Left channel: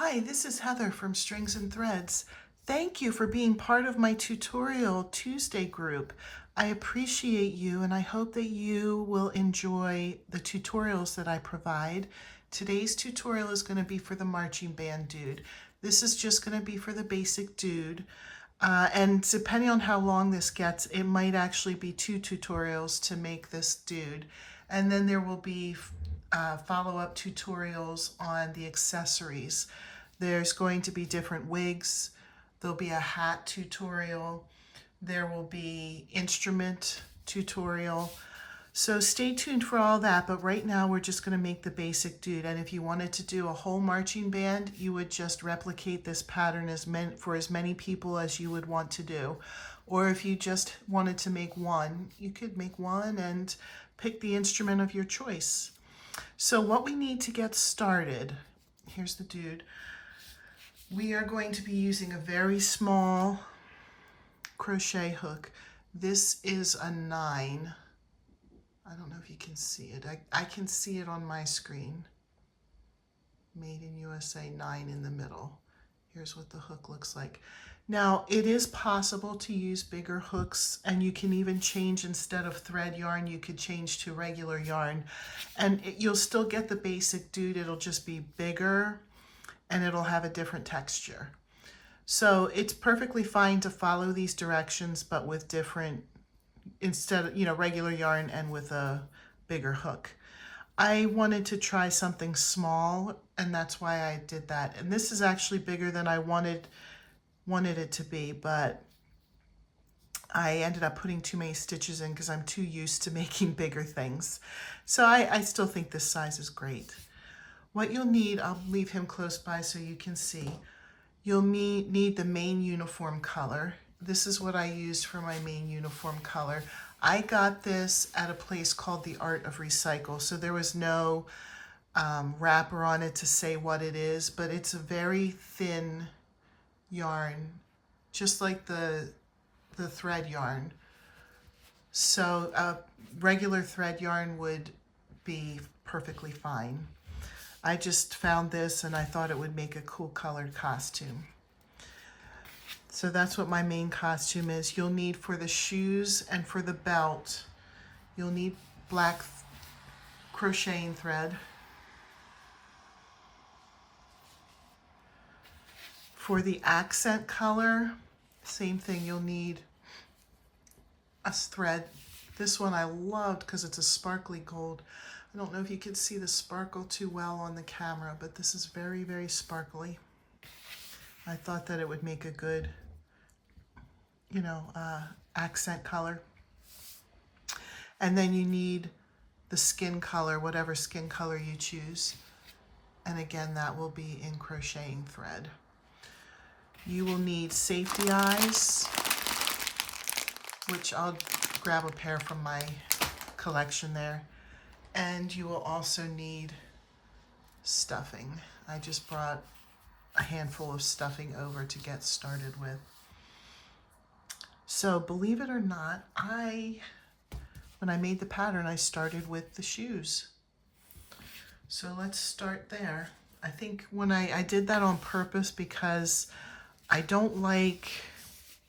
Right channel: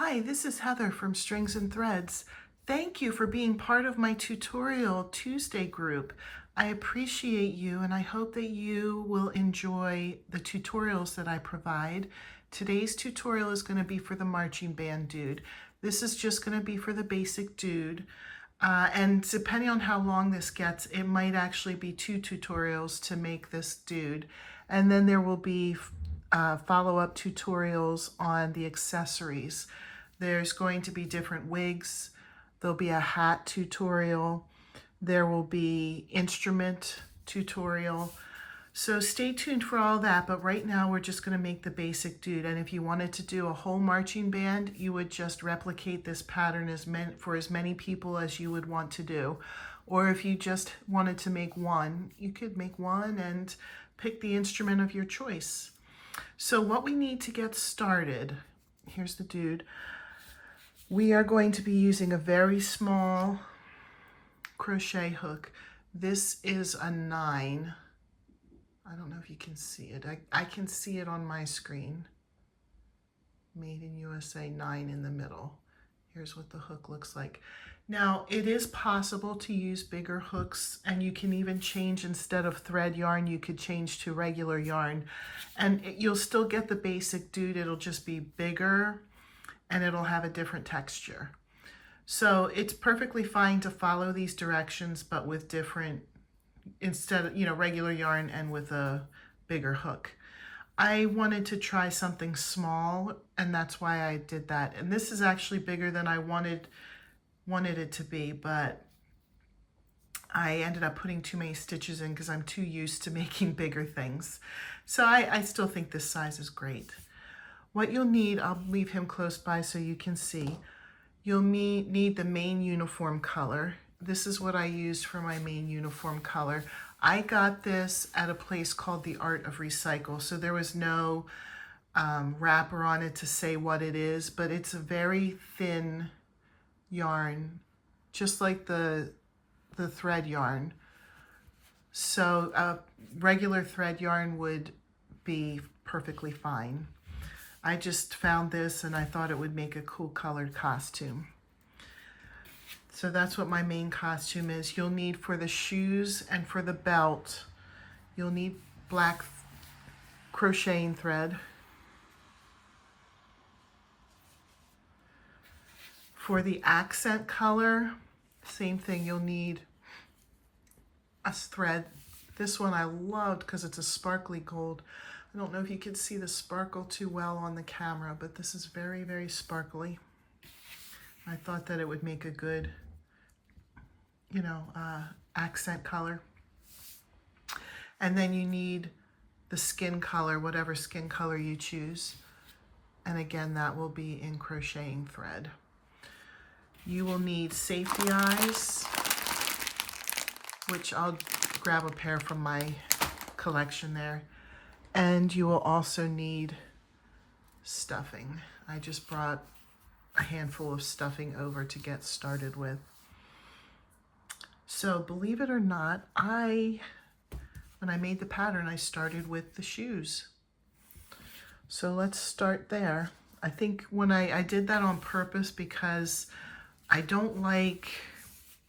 Hi, this is Heather from Strings and Threads. Thank you for being part of my Tutorial Tuesday group. I appreciate you and I hope that you will enjoy the tutorials that I provide. Today's tutorial is going to be for the marching band dude. This is just going to be for the basic dude. And depending on how long this gets, it might actually be 2 tutorials to make this dude. And then there will be follow-up tutorials on the accessories. There's going to be different wigs. There'll be a hat tutorial. There will be instrument tutorial. So stay tuned for all that, but right now we're just going to make the basic dude. And if you wanted to do a whole marching band, you would just replicate this pattern for as many people as you would want to do. Or if you just wanted to make one, you could make one and pick the instrument of your choice. So what we need to get started, here's the dude. We are going to be using a very small crochet hook. This is a 9. I don't know if you can see it. I can see it on my screen. Made in USA 9 in the middle. Here's what the hook looks like. Now, it is possible to use bigger hooks, and you can even change, instead of thread yarn, you could change to regular yarn. And you'll still get the basic dude. It'll just be bigger, and it'll have a different texture. So it's perfectly fine to follow these directions, but with different, instead of, regular yarn and with a bigger hook. I wanted to try something small, and that's why I did that. And this is actually bigger than I wanted it to be, but I ended up putting too many stitches in because I'm too used to making bigger things. So I still think this size is great. What you'll need, I'll leave him close by so you can see. You'll need the main uniform color. This is what I used for my main uniform color. I got this at a place called The Art of Recycle, so there was no wrapper on it to say what it is, but it's a very thin yarn, just like the thread yarn. So regular thread yarn would be perfectly fine. I just found this and I thought it would make a cool colored costume. So that's what my main costume is. You'll need, for the shoes and for the belt, you'll need black crocheting thread. For the accent color, same thing, you'll need a thread. This one I loved because it's a sparkly gold. I don't know if you can see the sparkle too well on the camera, but this is very, very sparkly. I thought that it would make a good, accent color. And then you need the skin color, whatever skin color you choose. And again, that will be in crocheting thread. You will need safety eyes, which I'll grab a pair from my collection there. And you will also need stuffing. I just brought a handful of stuffing over to get started with. So believe it or not, when I made the pattern, I started with the shoes. So let's start there. I think when I did that on purpose because I don't like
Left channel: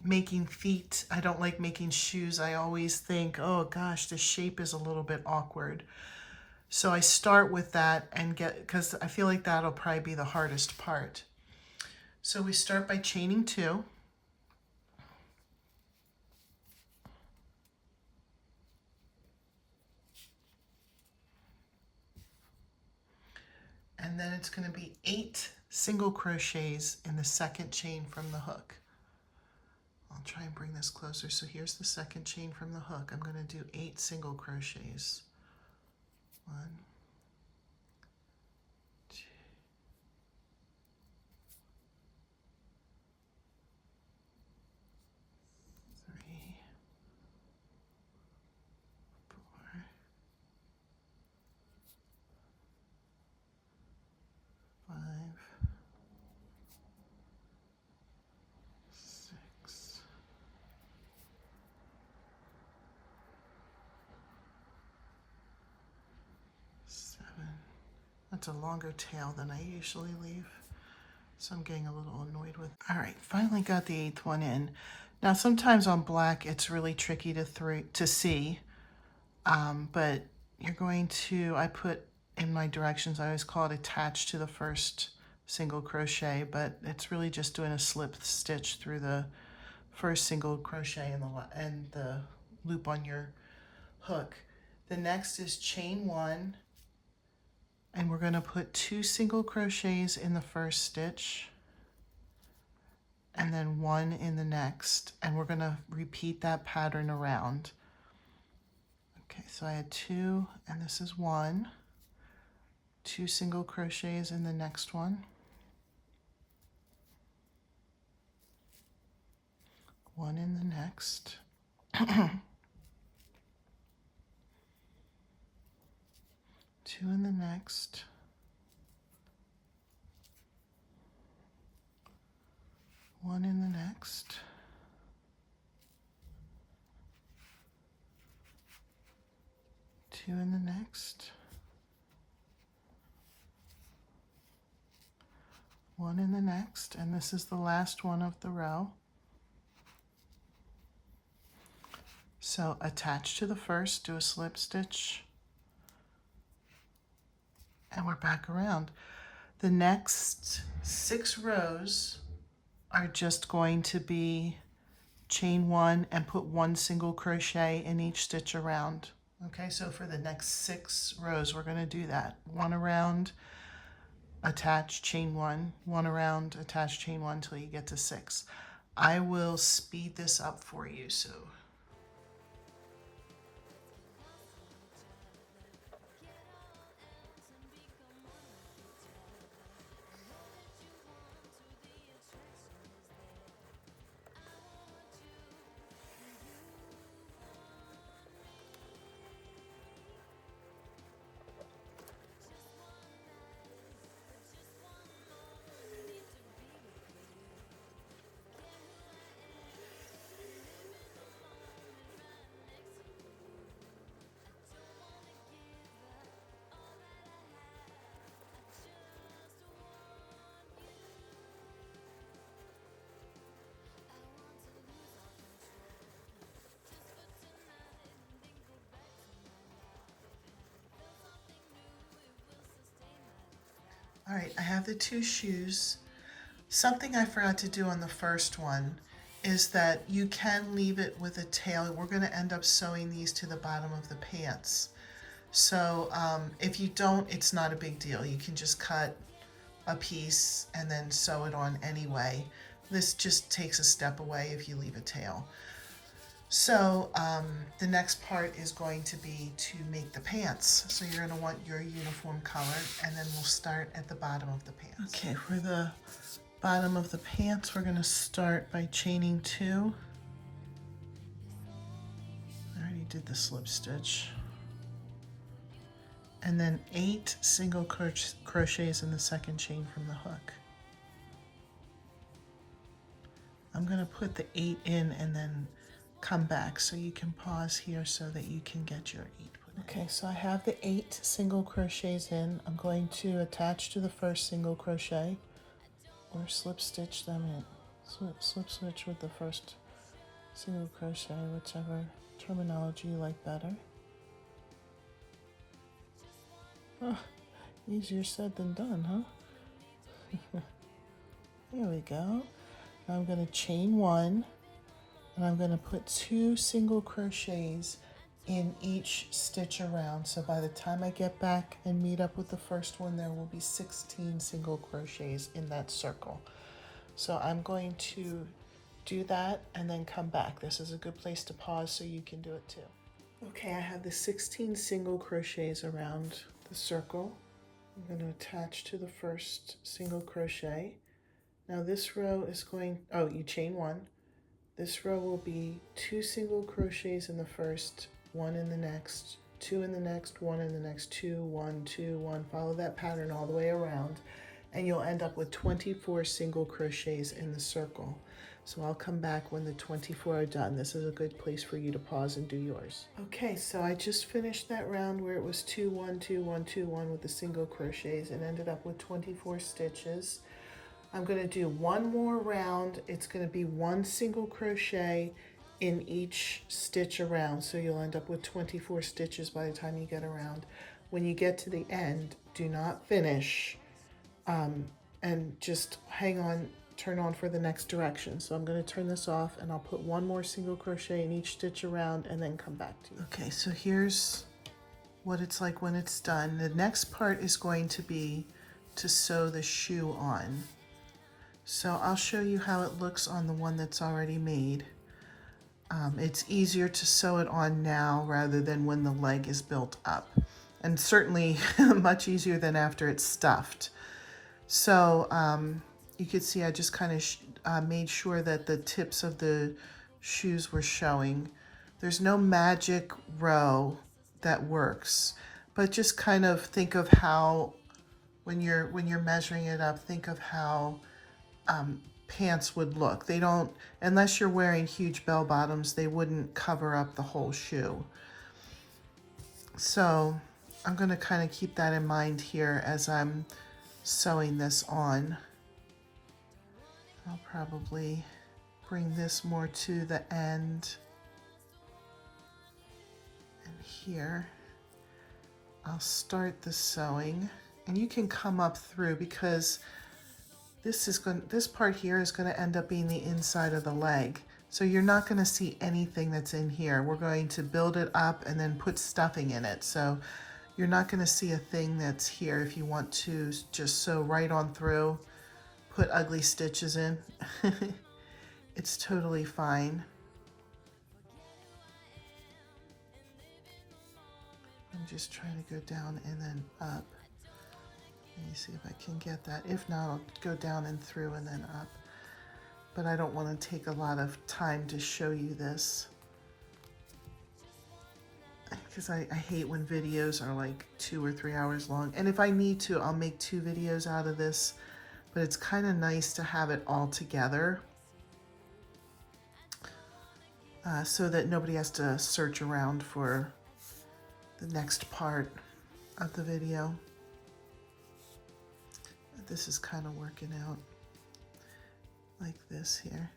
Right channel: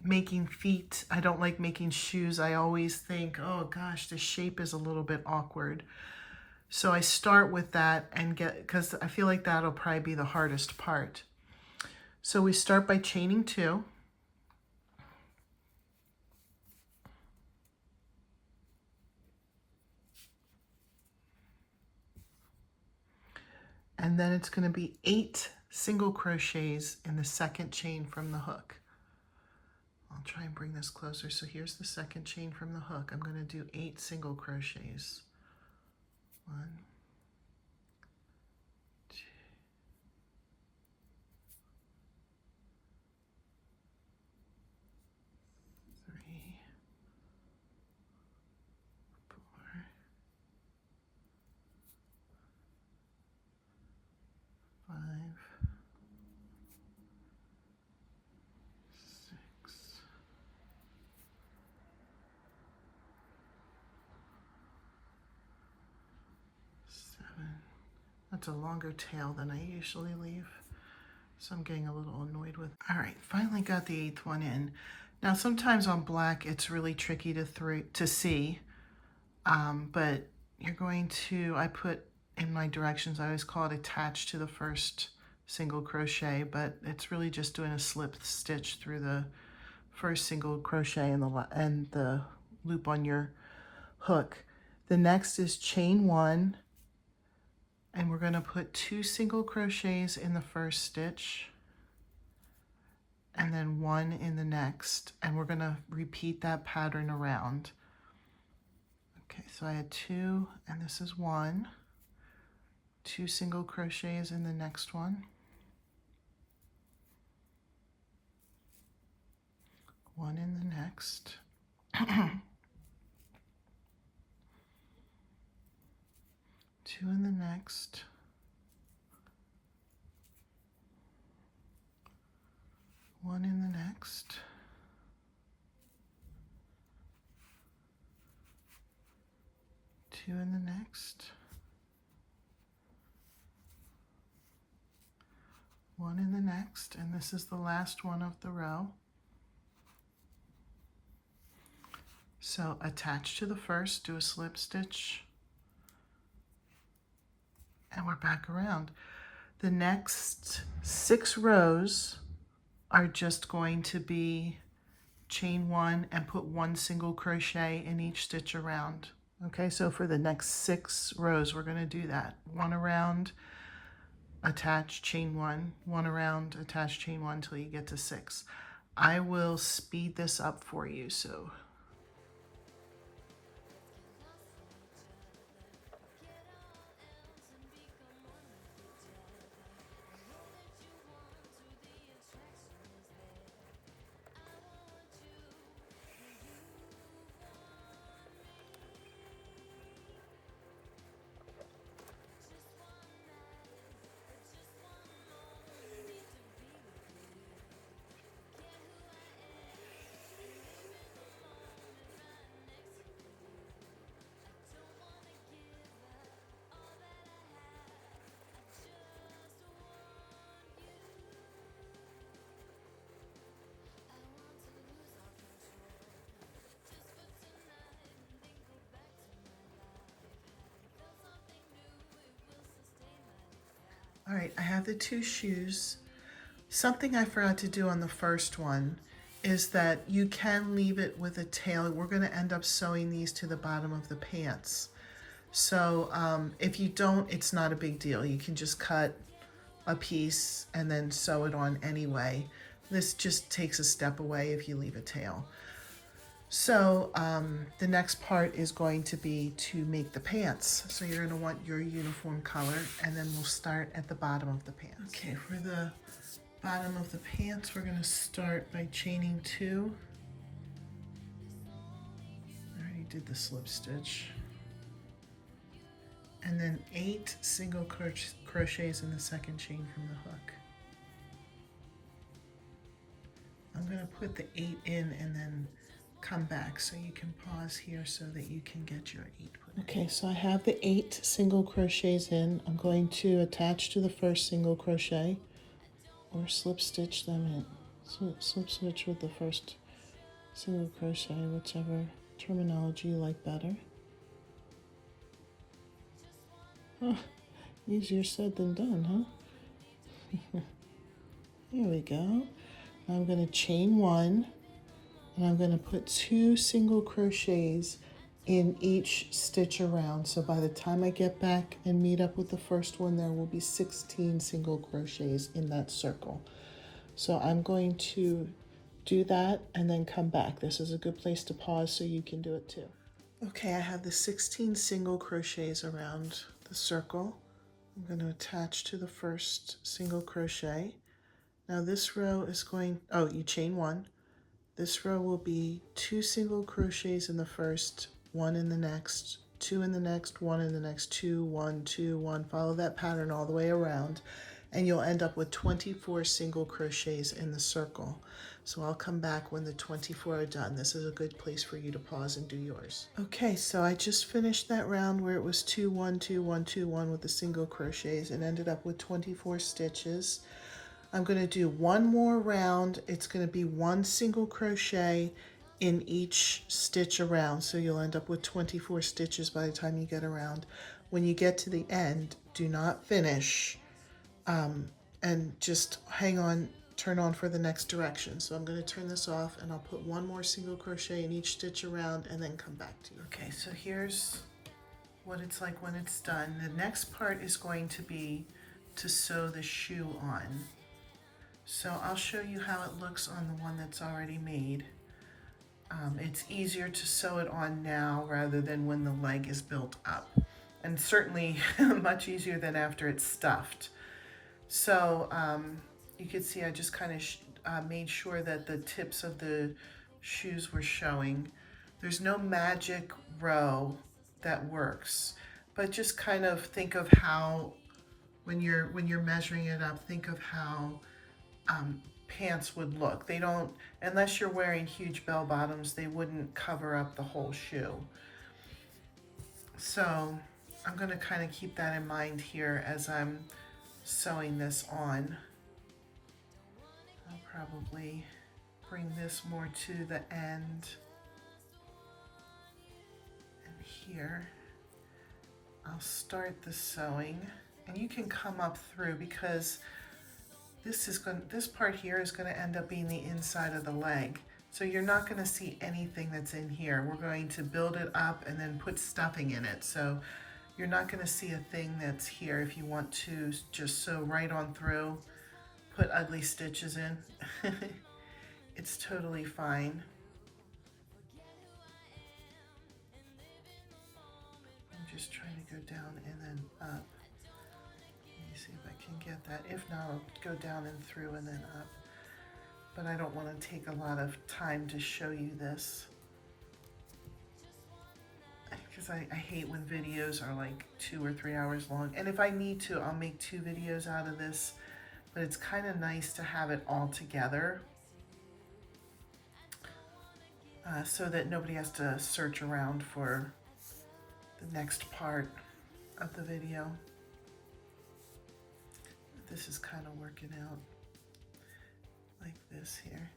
making feet. I don't like making shoes. I always think, oh gosh, the shape is a little bit awkward. So I start with that and because I feel like that'll probably be the hardest part. So we start by chaining 2. And then it's going to be 8 single crochets in the second chain from the hook. I'll try and bring this closer. So here's the second chain from the hook. I'm going to do 8 single crochets. 1, 2, 3, 4, 5, 6, 7. That's a longer tail than I usually leave. So I'm getting a little annoyed with. All right, finally got the 8th one in. Now sometimes on black it's really tricky to see, but you're going to, I put in my directions, I always call it attach to the first single crochet, but it's really just doing a slip stitch through the first single crochet and the loop on your hook. The next is chain 1, and we're going to put 2 single crochets in the first stitch and then 1 in the next, and we're going to repeat that pattern around. Okay, so I had 2 and this is 1, 2 single crochets in the next one, 1 in the next, 2 in the next, 1 in the next, 2 in the next, 1 in the next, and this is the last one of the row. So attach to the first, do a slip stitch, and we're back around. The next 6 rows are just going to be chain 1 and put 1 single crochet in each stitch around. Okay, so for the next 6 rows, we're going to do that. 1 around, attach, chain 1, 1 around, attach, chain 1 until you get to 6. I will speed this up for you, so. All right, I have the 2 shoes. Something I forgot to do on the first one is that you can leave it with a tail. We're going to end up sewing these to the bottom of the pants. So if you don't, it's not a big deal. You can just cut a piece and then sew it on anyway. This just takes a step away if you leave a tail. So the next part is going to be to make the pants. So you're going to want your uniform color, and then we'll start at the bottom of the pants. Okay, for the bottom of the pants, we're going to start by chaining 2. I already did the slip stitch. And then 8 single crochets in the second chain from the hook. I'm going to put the 8 in and then come back, so you can pause here so that you can get your 8 put in. Okay, so I have the 8 single crochets in. I'm going to attach to the first single crochet or slip stitch them in. Slip stitch with the first single crochet, whichever terminology you like better. Oh, easier said than done, huh? Here we go. Now I'm going to chain 1. And I'm going to put 2 single crochets in each stitch around. So by the time I get back and meet up with the first one, there will be 16 single crochets in that circle. So I'm going to do that and then come back. This is a good place to pause so you can do it too. Okay, I have the 16 single crochets around the circle. I'm going to attach to the first single crochet. Now this row is going, you chain 1. This row will be 2 single crochets in the first, 1 in the next, 2 in the next, 1 in the next, 2, 1, 2, 1. Follow that pattern all the way around, and you'll end up with 24 single crochets in the circle. So I'll come back when the 24 are done. This is a good place for you to pause and do yours. Okay, so I just finished that round where it was 2, 1, 2, 1, 2, 1 with the single crochets and ended up with 24 stitches. I'm going to do one more round. It's going to be one single crochet in each stitch around, so you'll end up with 24 stitches by the time you get around. When you get to the end, do not finish, and just hang on, turn on for the next direction. So I'm going to turn this off, and I'll put one more single crochet in each stitch around and then come back to you. Okay, so here's what it's like when it's done. The next part is going to be to sew the shoe on. So I'll show you how it looks on the one that's already made. It's easier to sew it on now rather than when the leg is built up, and certainly much easier than after it's stuffed. So you can see I just kind of made sure that the tips of the shoes were showing. There's no magic row that works, but just kind of think of how, when you're measuring it up, think of how pants would look. They don't, unless you're wearing huge bell bottoms, they wouldn't cover up the whole shoe. So I'm going to kind of keep that in mind here as I'm sewing this on. I'll probably bring this more to the end. And here I'll start the sewing, and you can come up through, because this part here is going to end up being the inside of the leg. So you're not going to see anything that's in here. We're going to build it up and then put stuffing in it. So you're not going to see a thing that's here. If you want to just sew right on through, put ugly stitches in, it's totally fine. I'm just trying to go down and then up. Let me see if I can get that. If not, I'll go down and through and then up. But I don't want to take a lot of time to show you this, because I hate when videos are like 2 or 3 hours long. And if I need to, I'll make 2 videos out of this, but it's kind of nice to have it all together so that nobody has to search around for the next part of the video. This is kind of working out like this here.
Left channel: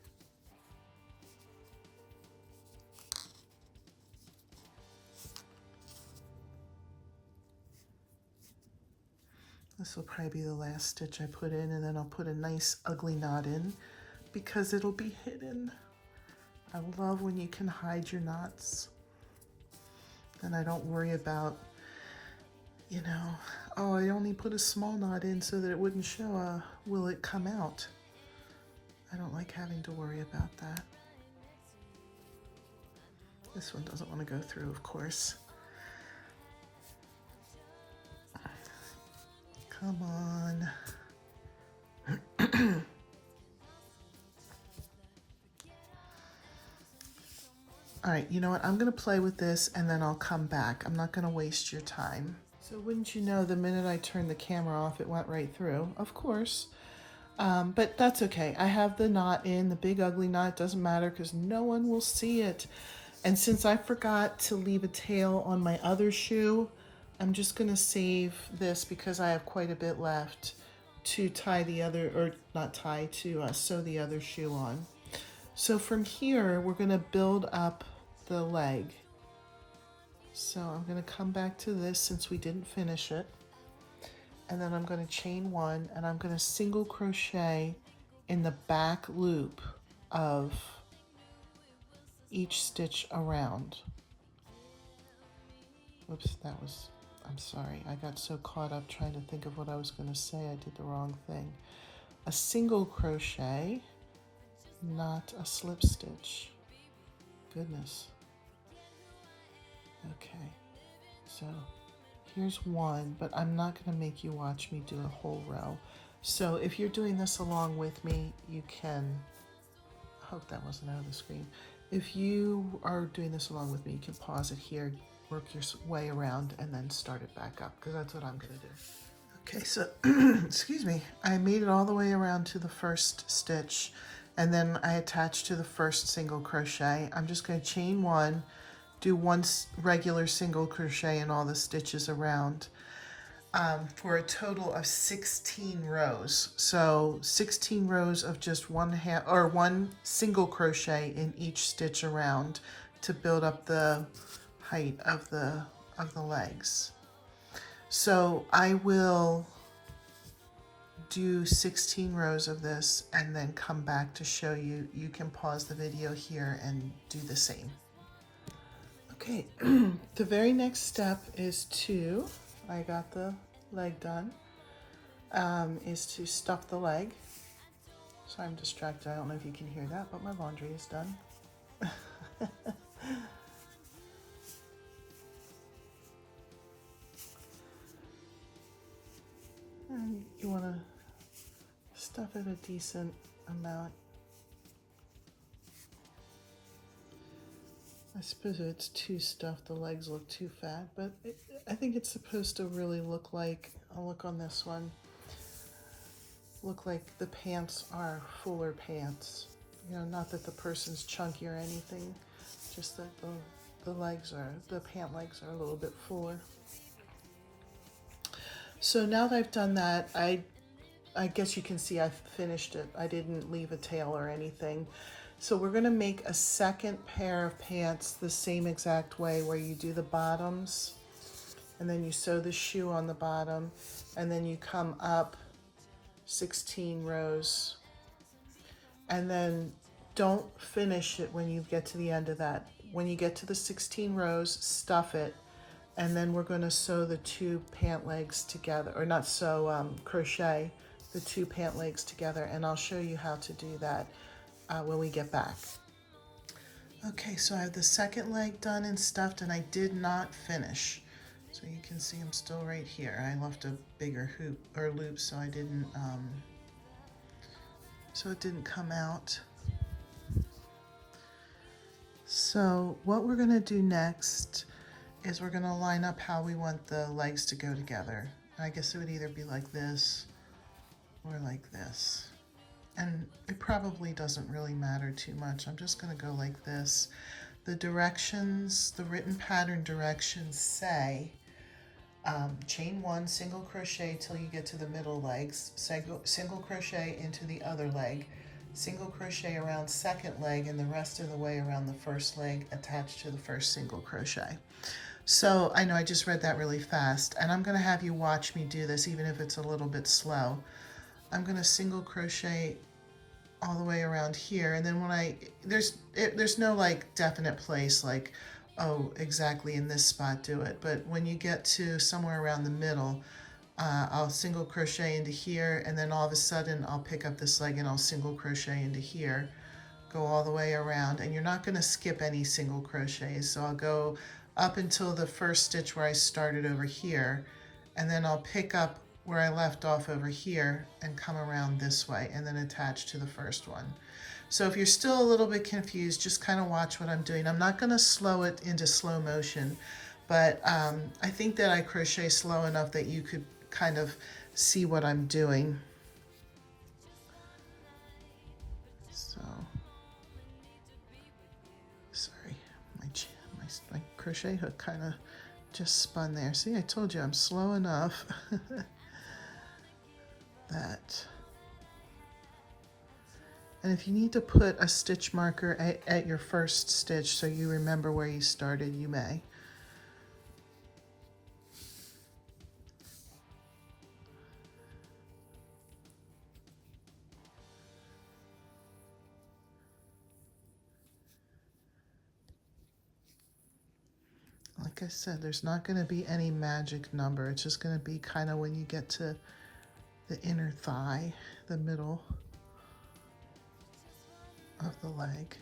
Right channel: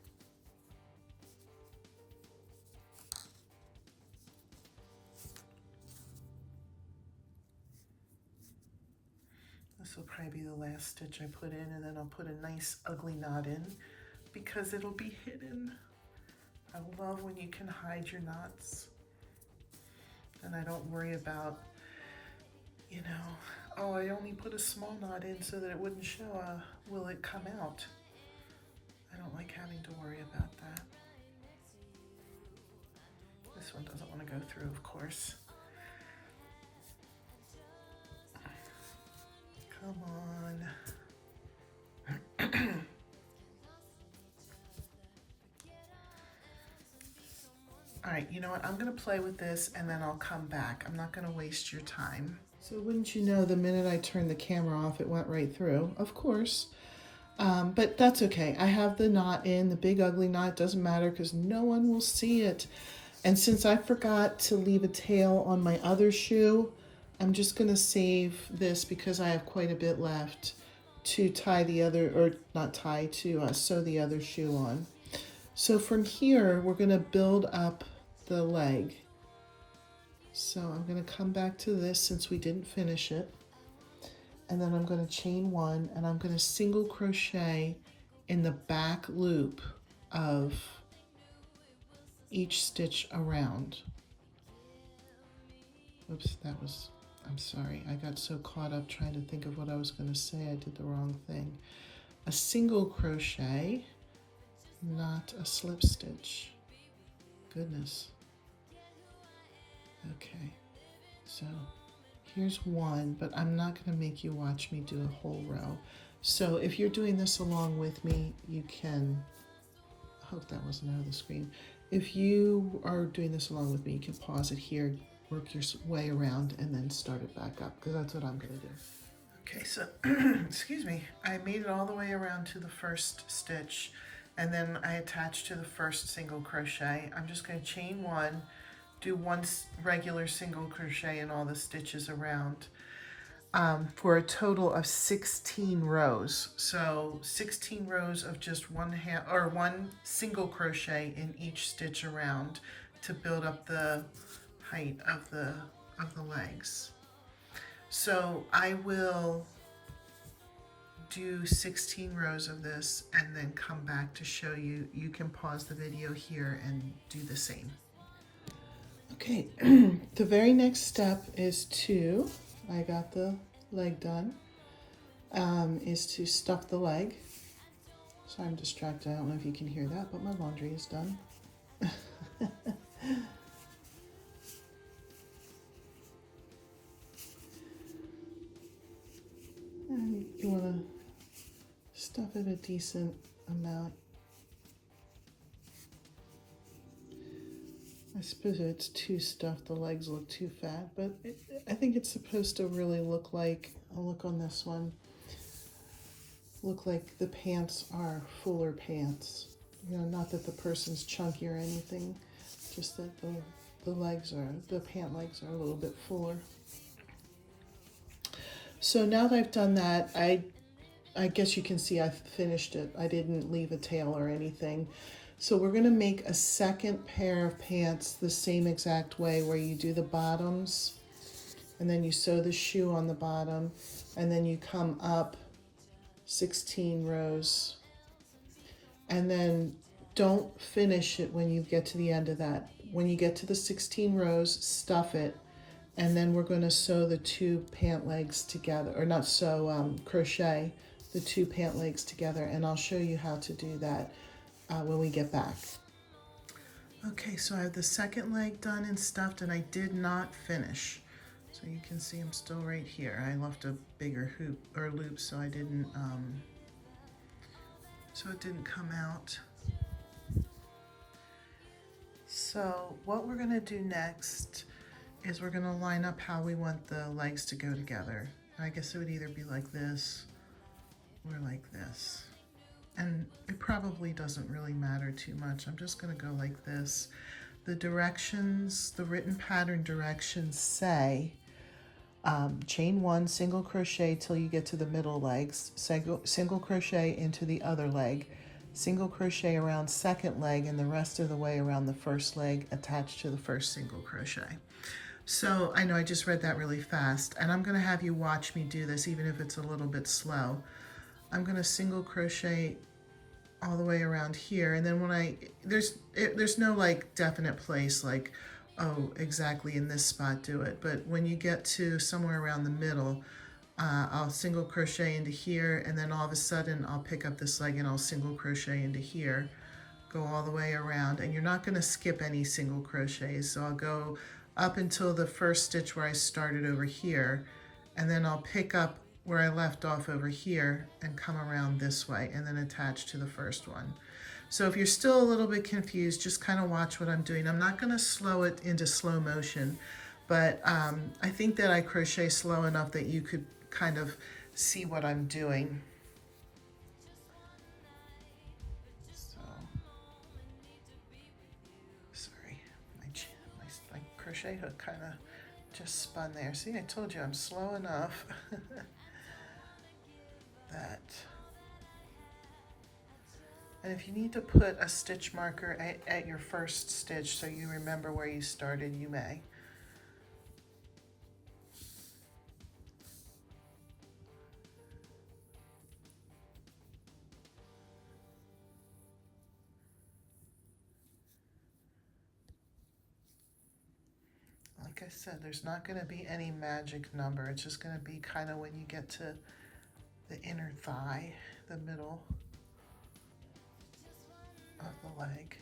This will probably be the last stitch I put in, and then I'll put a nice ugly knot in because it'll be hidden. I love when you can hide your knots. And I don't worry about, you know, oh, I only put a small knot in so that it wouldn't show. Will it come out? I don't like having to worry about that. This one doesn't want to go through, of course. Come on. All right, you know what? I'm going to play with this and then I'll come back. I'm not going to waste your time. So wouldn't you know, the minute I turned the camera off, it went right through, of course. But that's okay. I have the knot in, the big ugly knot. Doesn't matter because no one will see it. And since I forgot to leave a tail on my other shoe, I'm just going to save this because I have quite a bit left to tie the other, or not tie, to sew the other shoe on. So from here, we're going to build up the leg. So I'm going to come back to this since we didn't finish it. And then I'm going to chain 1 and I'm going to single crochet in the back loop of each stitch around. Oops, I'm sorry. I got so caught up trying to think of what I was going to say. I did the wrong thing. A single crochet, not a slip stitch. Goodness. Okay, so here's one, but I'm not going to make you watch me do a whole row. So if you're doing this along with me, you can, I hope that wasn't out of the screen. If you are doing this along with me, you can pause it here, work your way around, and then start it back up, because that's what I'm going to do. Okay, so, excuse me, I made it all the way around to the first stitch, and then I attached to the first single crochet. I'm just going to chain 1, do 1 regular single crochet in all the stitches around. for a total of 16 rows. So 16 rows of just one single crochet in each stitch around to build up the height of the legs. So I will do 16 rows of this and then come back to show you. You can pause the video here and do the same. Okay, the very next step is I got the leg done, is to stuff the leg. Sorry, I'm distracted. I don't know if you can hear that, but my laundry is done. And you want to stuff it a decent amount. I suppose if it's too stuffed, the legs look too fat, but I think it's supposed to really look like, I'll look on this one, look like the pants are fuller pants. You know, not that the person's chunky or anything, just that the pant legs are a little bit fuller. So now that I've done that, I guess you can see I've finished it. I didn't leave a tail or anything. So we're going to make a second pair of pants the same exact way, where you do the bottoms and then you sew the shoe on the bottom and then you come up 16 rows, and then don't finish it when you get to the end of that. When you get to the 16 rows, stuff it, and then we're going to sew the two pant legs together, or not sew, crochet the two pant legs together, and I'll show you how to do that when we get back. Okay, so I have the second leg done and stuffed, and I did not finish. So you can see I'm still right here. I left a bigger hoop or loop, so I didn't, so it didn't come out. So what we're gonna do next is we're gonna line up how we want the legs to go together. I guess it would either be like this or like this. And it probably doesn't really matter too much. I'm just gonna go like this. The directions, the written pattern directions say, chain one, single crochet till you get to the middle legs, single crochet into the other leg, single crochet around second leg, and the rest of the way around the first leg attached to the first single crochet. So I know I just read that really fast, and I'm gonna have you watch me do this even if it's a little bit slow. I'm gonna single crochet all the way around here, and then when there's no like definite place like, oh, exactly in this spot do it, but when you get to somewhere around the middle, I'll single crochet into here, and then all of a sudden I'll pick up this leg and I'll single crochet into here, go all the way around, and you're not going to skip any single crochets. So I'll go up until the first stitch where I started over here, and then I'll pick up where I left off over here and come around this way and then attach to the first one. So if you're still a little bit confused, just kind of watch what I'm doing. I'm not going to slow it into slow motion, but I think that I crochet slow enough that you could kind of see what I'm doing. So, sorry, my crochet hook kind of just spun there. See, I told you I'm slow enough that. And if you need to put a stitch marker at your first stitch so you remember where you started, you may. Like I said, there's not going to be any magic number. It's just going to be kind of when you get to the inner thigh, the middle of the leg.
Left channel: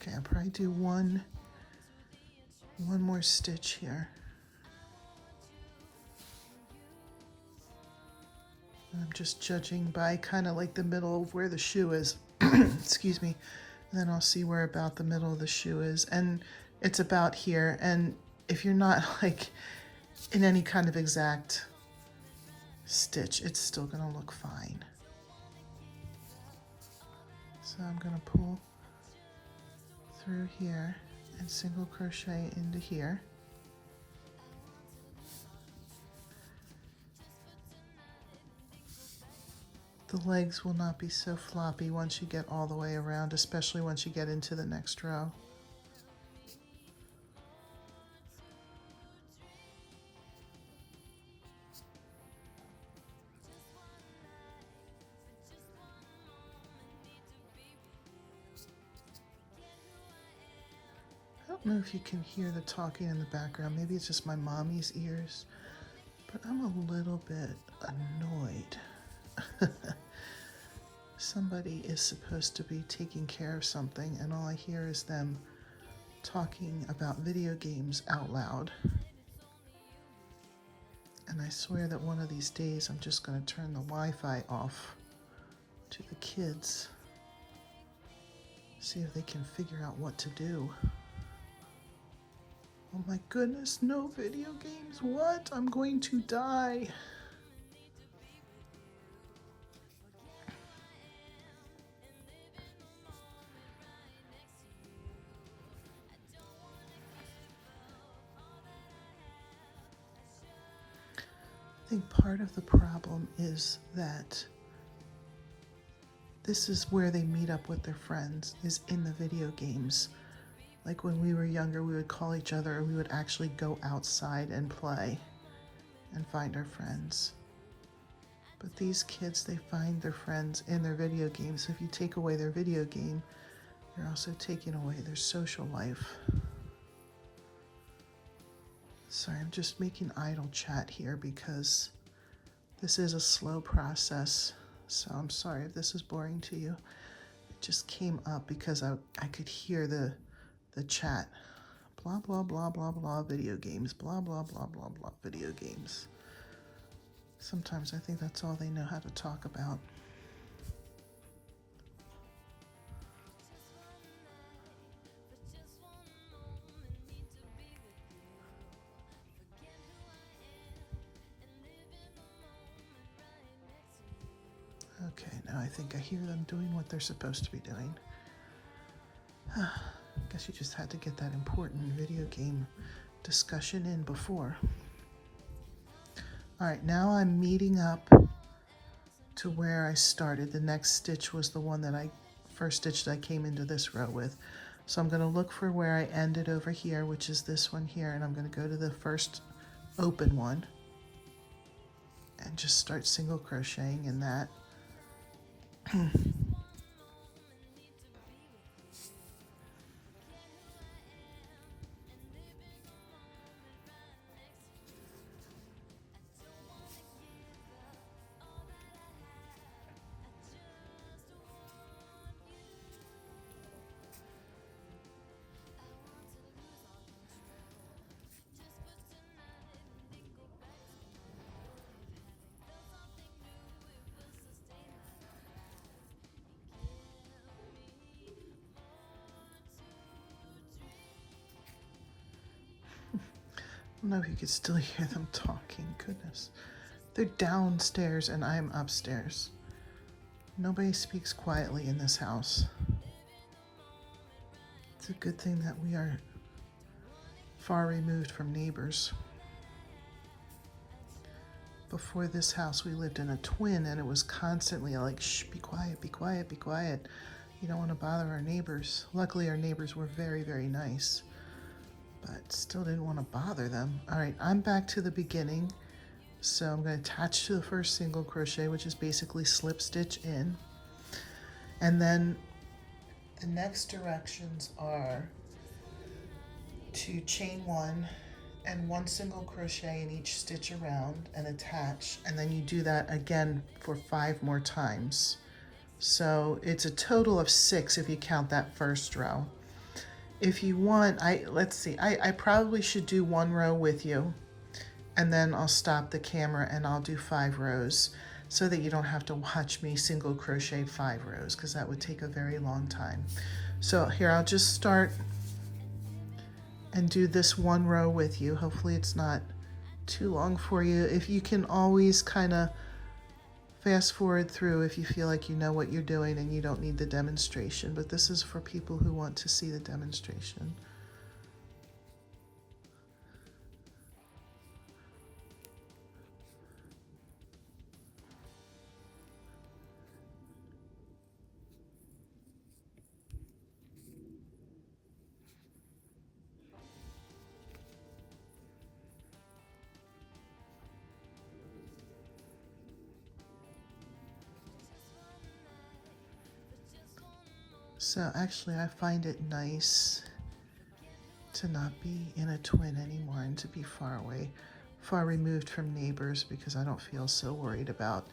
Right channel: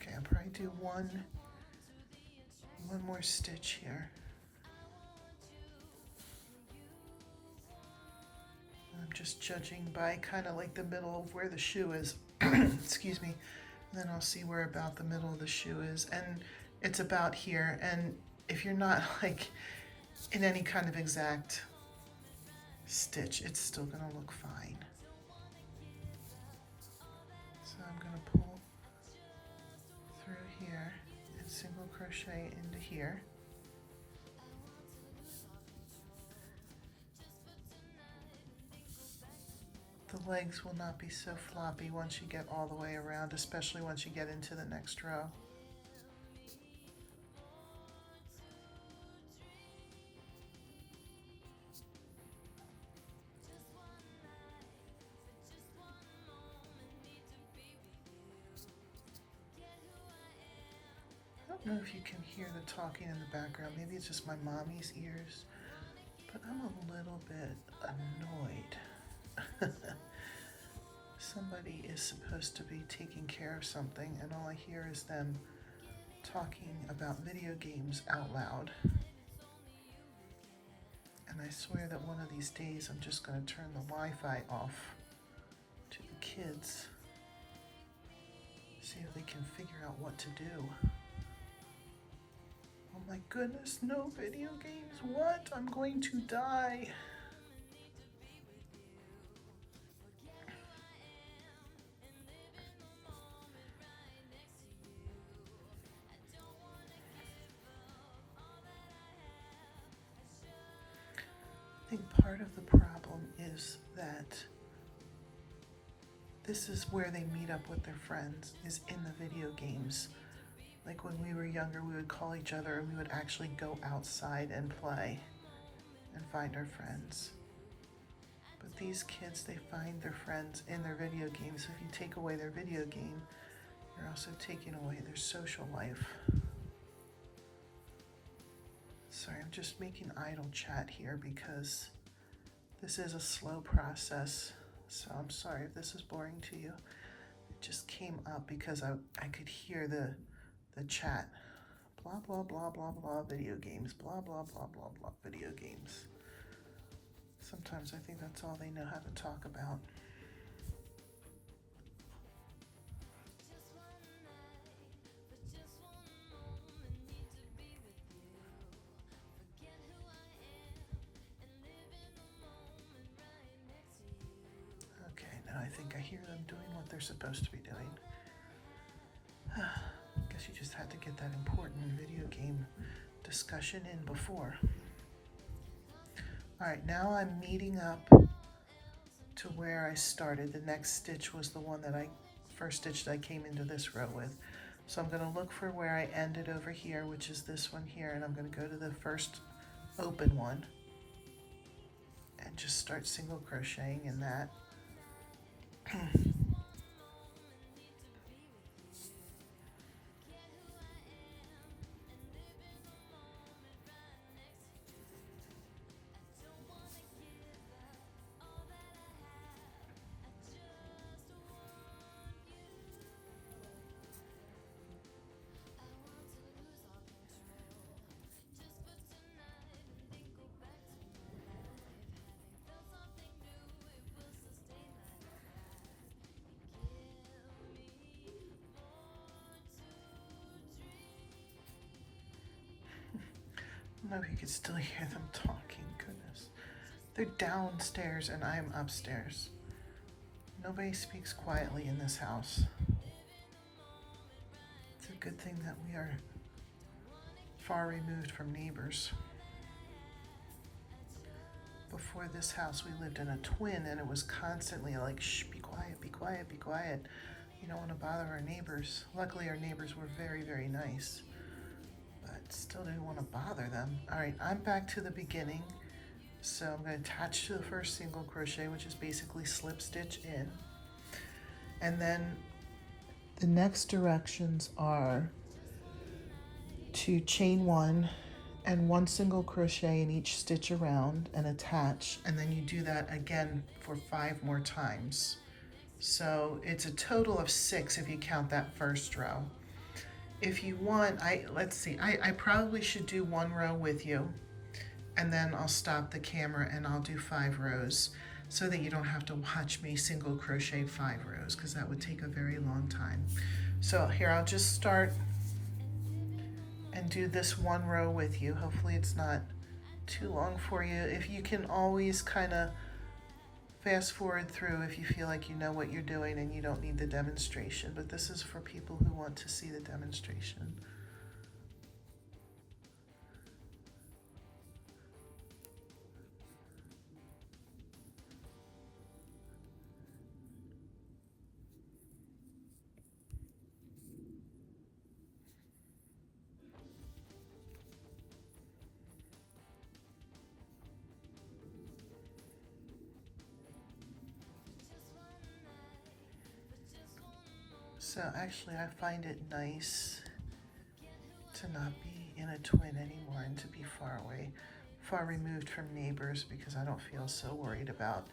Okay, I'll probably do one more stitch here. I'm just judging by kind of like the middle of where the shoe is. Excuse me. And then I'll see where about the middle of the shoe is. And it's about here. And if you're not like in any kind of exact stitch, it's still going to look fine. So I'm going to pull through here and single crochet into here. The legs will not be so floppy once you get all the way around, especially once you get into the next row. I don't know if you can hear the talking in the background. Maybe it's just my mommy's ears, but I'm a little bit annoyed. Somebody is supposed to be taking care of something, and all I hear is them talking about video games out loud. And I swear that one of these days I'm just going to turn the Wi-Fi off to the kids. See if they can figure out what to do. Oh my goodness, no video games. What? I'm going to die. I think part of the problem is that this is where they meet up with their friends, is in the video games. Like when we were younger, we would call each other and we would actually go outside and play and find our friends. But these kids, they find their friends in their video games. So if you take away their video game, you're also taking away their social life. Sorry, I'm just making idle chat here because this is a slow process. So I'm sorry if this is boring to you. It just came up because I could hear the chat. Blah, blah, blah, blah, blah, video games. Blah, blah, blah, blah, blah, video games. Sometimes I think that's all they know how to talk about. Okay, now I think I hear them doing what they're supposed to be doing. Guess you just had to get that important video game discussion in before. All right, now I'm meeting up to where I started. The next stitch was the one that first stitch that I came into this row with. So I'm going to look for where I ended over here, which is this one here, and I'm going to go to the first open one and just start single crocheting in that. I don't know if you could still hear them talking. Goodness. They're downstairs and I'm upstairs. Nobody speaks quietly in this house. It's a good thing that we are far removed from neighbors. Before this house, we lived in a twin and it was constantly like, shh, be quiet, be quiet, be quiet. You don't want to bother our neighbors. Luckily, our neighbors were very, very nice. But still didn't want to bother them. All right, I'm back to the beginning. So I'm going to attach to the first single crochet, which is basically slip stitch in. And then the next directions are to chain one and one single crochet in each stitch around and attach. And then you do that again for 5 more times. So it's a total of 6 if you count that first row. If you want, let's see, I probably should do 1 row with you and then I'll stop the camera and I'll do 5 rows. so that you don't have to watch me single crochet 5 rows, because that would take a very long time. So here, I'll just start and do this 1 row with you. Hopefully it's not too long for you. If you can always kind of fast forward through if you feel like you know what you're doing and you don't need the demonstration, but this is for people who want to see the demonstration. So actually I find it nice to not be in a twin anymore and to be far away, far removed from neighbors, because I don't feel so worried about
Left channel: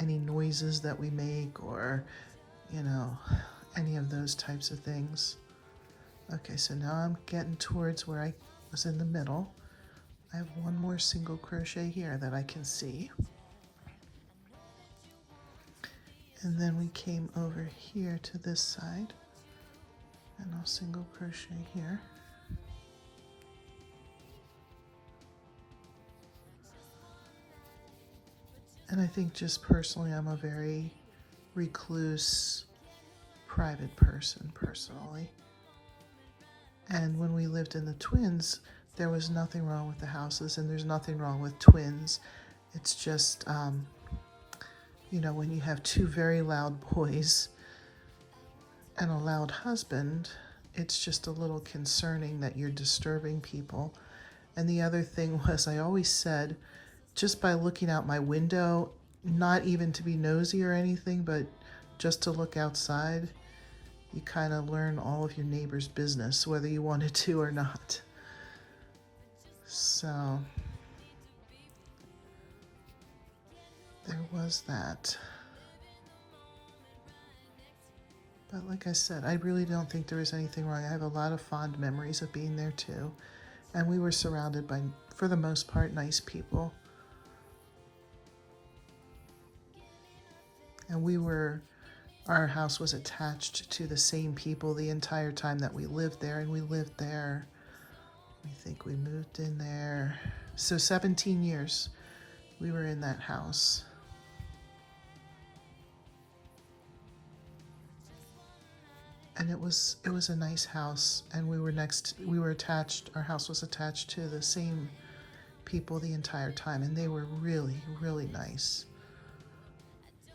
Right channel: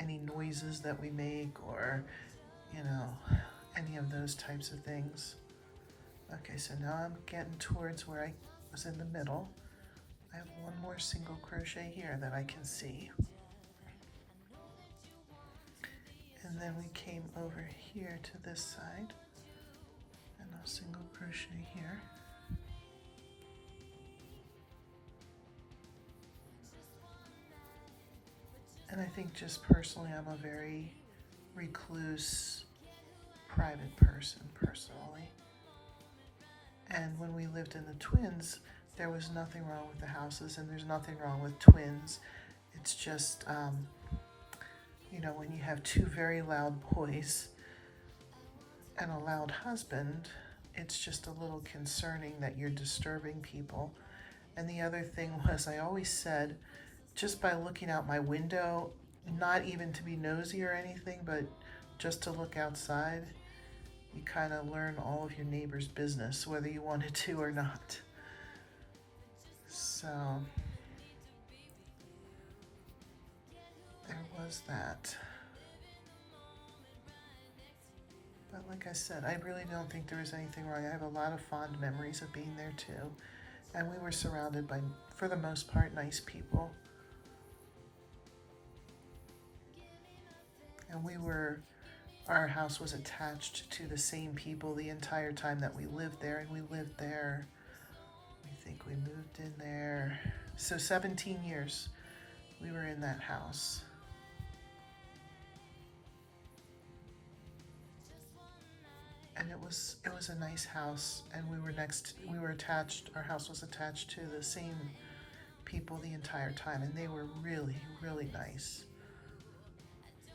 any noises that we make or, you know, any of those types of things. Okay, so now I'm getting towards where I was in the middle. I have 1 more single crochet here that I can see. And then we came over here to this side, and I'll single crochet here. And I think just personally, I'm a very recluse, private person personally. And when we lived in the twins, there was nothing wrong with the houses, and there's nothing wrong with twins. It's just, you know, when you have 2 very loud boys and a loud husband, it's just a little concerning that you're disturbing people. And the other thing was, I always said, just by looking out my window, not even to be nosy or anything, but just to look outside, you kind of learn all of your neighbor's business, whether you wanted to or not. So there was that. But like I said, I really don't think there was anything wrong. I have a lot of fond memories of being there too. And we were surrounded by, for the most part, nice people. And our house was attached to the same people the entire time that we lived there. And we lived there, I think we moved in there. So 17 years we were in that house. And it was a nice house, and our house was attached to the same people the entire time, and they were really, really nice.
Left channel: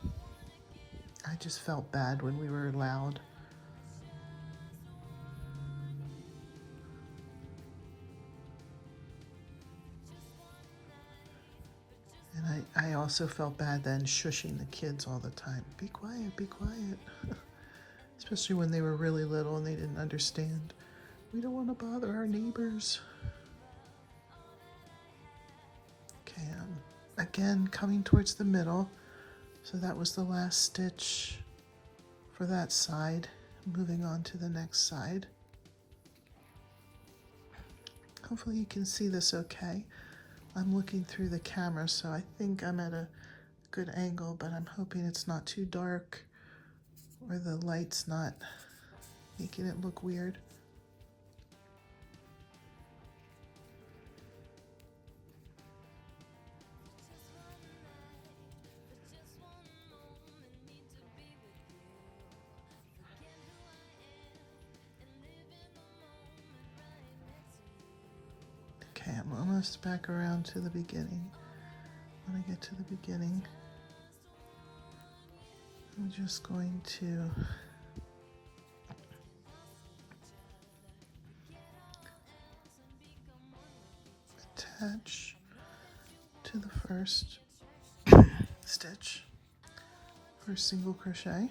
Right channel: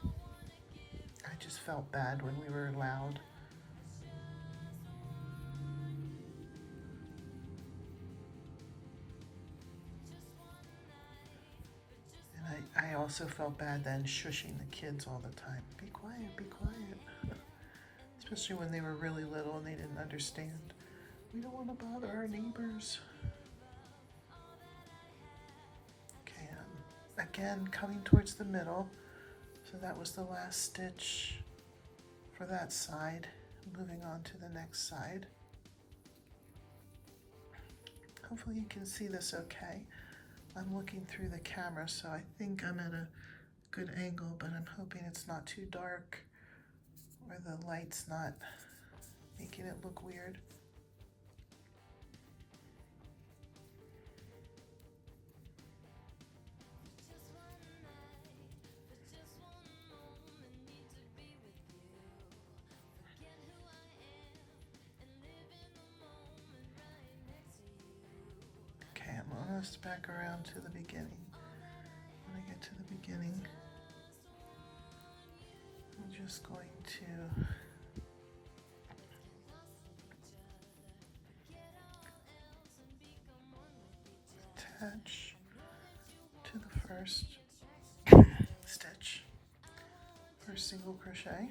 I just felt bad when we were loud. And I also felt bad then shushing the kids all the time. Be quiet, be quiet. Especially when they were really little and they didn't understand. We don't want to bother our neighbors. Okay, again, coming towards the middle. So that was the last stitch for that side. Moving on to the next side. Hopefully you can see this okay. I'm looking through the camera, so I think I'm at a good angle, but I'm hoping it's not too dark, or the light's not making it look weird. Okay, I'm almost back around to the beginning. When I get to the beginning, I'm just going to attach to the first stitch for single crochet.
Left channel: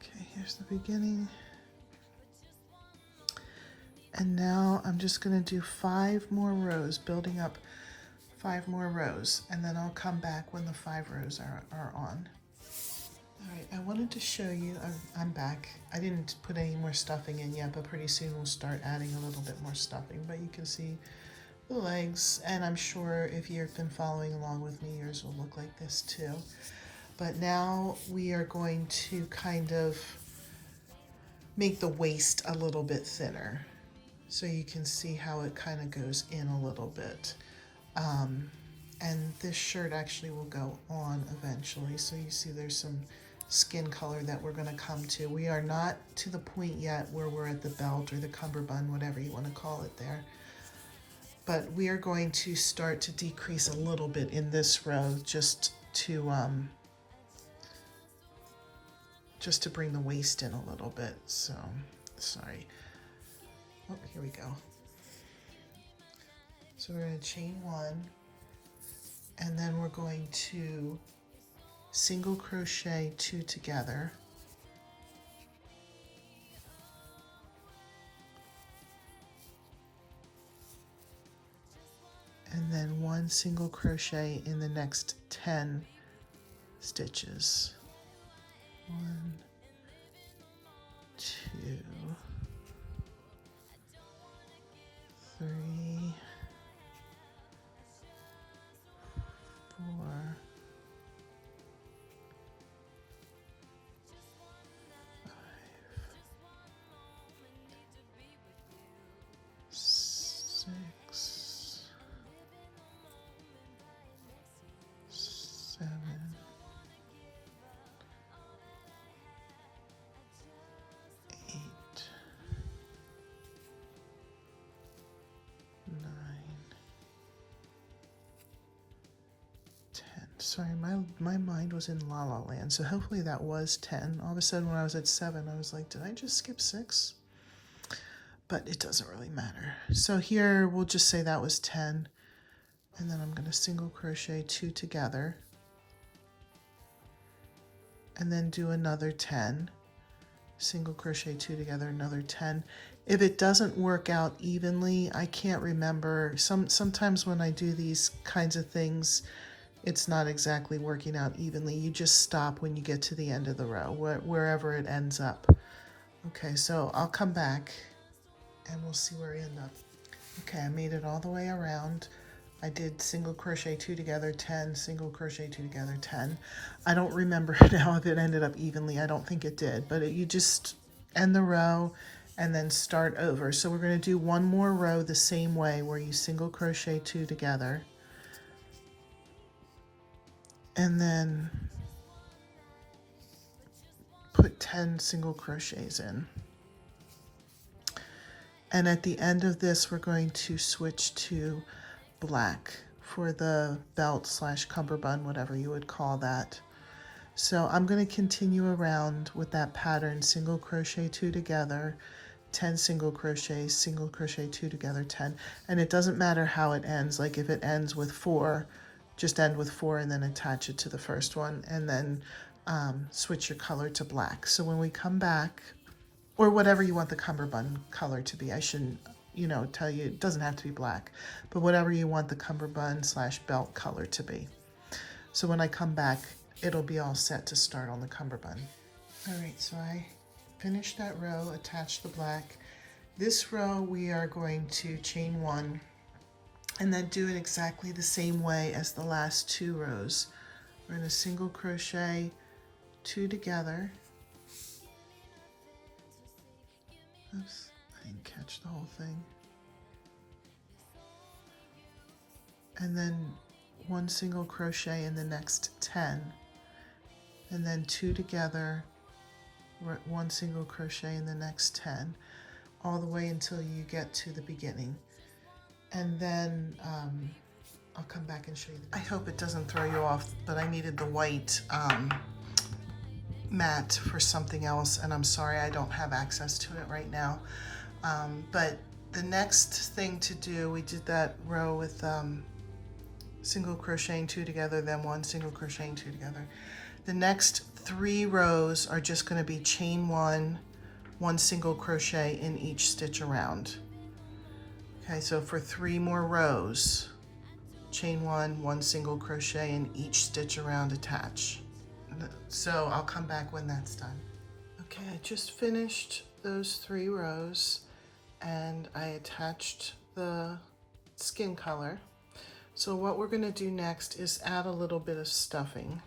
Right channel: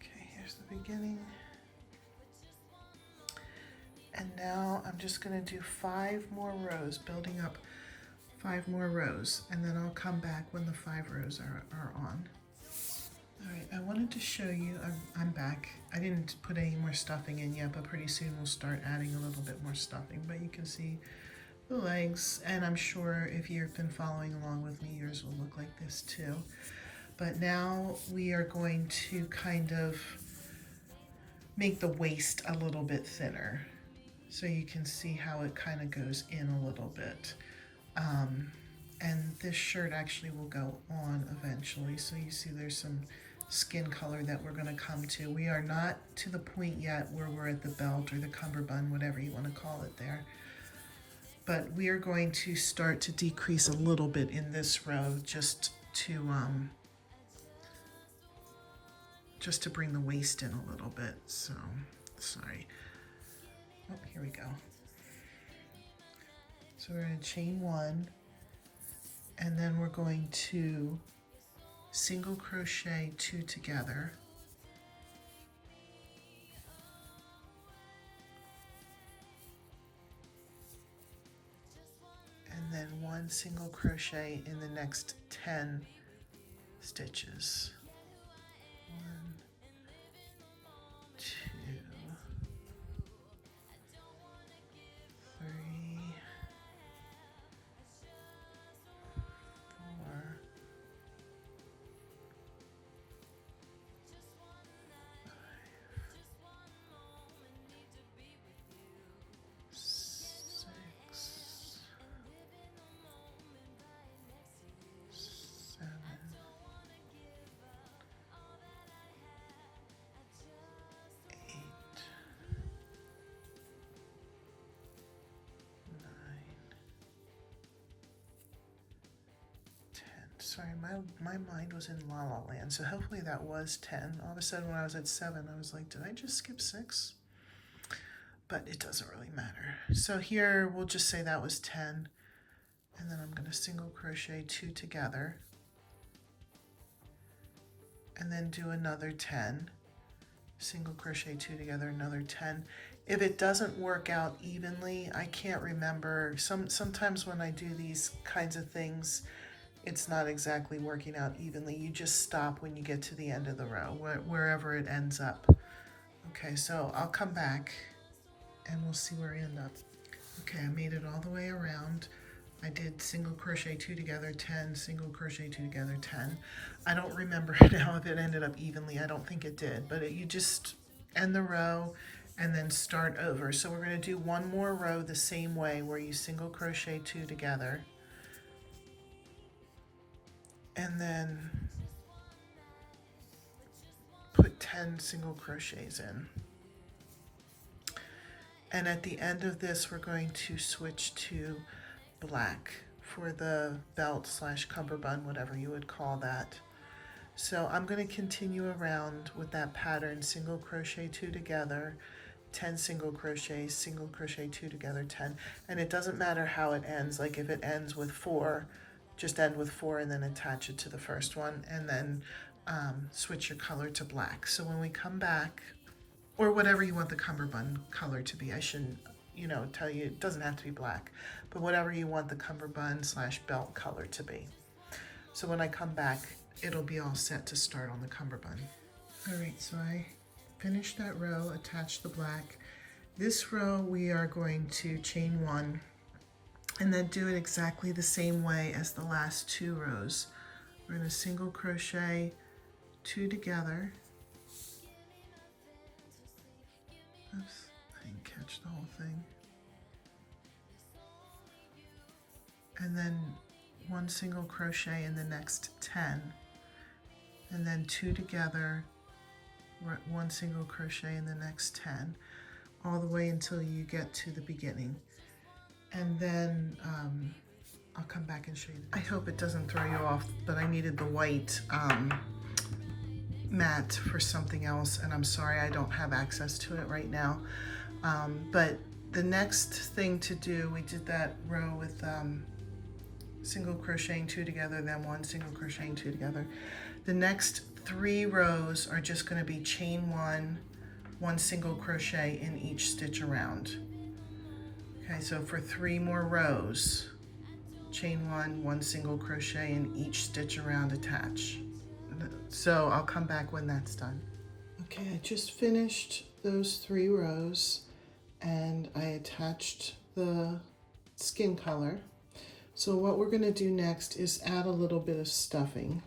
Okay, here's the beginning. And now I'm just going to do 5 more rows, building up 5 more rows, and then I'll come back when the 5 rows are on. All right, I wanted to show you, I'm back. I didn't put any more stuffing in yet, but pretty soon we'll start adding a little bit more stuffing. But you can see the legs, and I'm sure if you've been following along with me, yours will look like this too. But now we are going to kind of make the waist a little bit thinner, so you can see how it kind of goes in a little bit. And this shirt actually will go on eventually, so you see there's some skin color that we're going to come to. We are not to the point yet where we're at the belt or the cummerbund, whatever you want to call it there. But we are going to start to decrease a little bit in this row just to bring the waist in a little bit. So, sorry. Oh, here we go. So we're going to chain 1, and then we're going to single crochet 2 together, and then 1 single crochet in the next 10 stitches. 1, 2, 3, 4, 6, 7, 8, 9, 10. Sorry, my mind was in La La Land, so hopefully that was 10. All of a sudden when I was at 7, I was like, did I just skip 6? But it doesn't really matter. So here we'll just say that was 10, and then I'm going to single crochet 2 together, and then do another 10, single crochet 2 together, another 10. If it doesn't work out evenly, I can't remember. Sometimes when I do these kinds of things, it's not exactly working out evenly. You just stop when you get to the end of the row, wherever it ends up. Okay, so I'll come back and we'll see where we end up. Okay, I made it all the way around. I did single crochet 2 together, 10, single crochet 2 together, 10. I don't remember now if it ended up evenly. I don't think it did, but you just end the row and then start over. So we're going to do one more row the same way, where you single crochet 2 together, and then put 10 single crochets in. And at the end of this, we're going to switch to black for the belt slash cummerbund, whatever you would call that. So I'm going to continue around with that pattern, single crochet 2 together, 10 single crochets, single crochet 2 together, 10. And it doesn't matter how it ends. Like if it ends with 4, just end with 4 and then attach it to the first one, and then switch your color to black. So when we come back, or whatever you want the cummerbund color to be. I shouldn't, tell you, it doesn't have to be black, but whatever you want the cummerbund slash belt color to be. So when I come back, it'll be all set to start on the cummerbund. All right, so I finished that row, attached the black. This row we are going to chain 1 and then do it exactly the same way as the last 2 rows. We're going to single crochet 2 together. Oops, I didn't catch the whole thing. And then 1 single crochet in the next 10, and then 2 together, 1 single crochet in the next 10, all the way until you get to the beginning. And then I'll come back and show you. I hope it doesn't throw you off, but I needed the white mat for something else, and I'm sorry I don't have access to it right now. But the next thing to do, we did that row with single crocheting 2 together, then 1 single crocheting 2 together. The next 3 rows are just going to be chain 1, 1 single crochet in each stitch around. Okay, so for 3 more rows, chain 1, 1 single crochet in each stitch around, attach. So I'll come back when that's done. Okay, I just finished those 3 rows and I attached the skin color. So what we're going to do next is add a little bit of stuffing.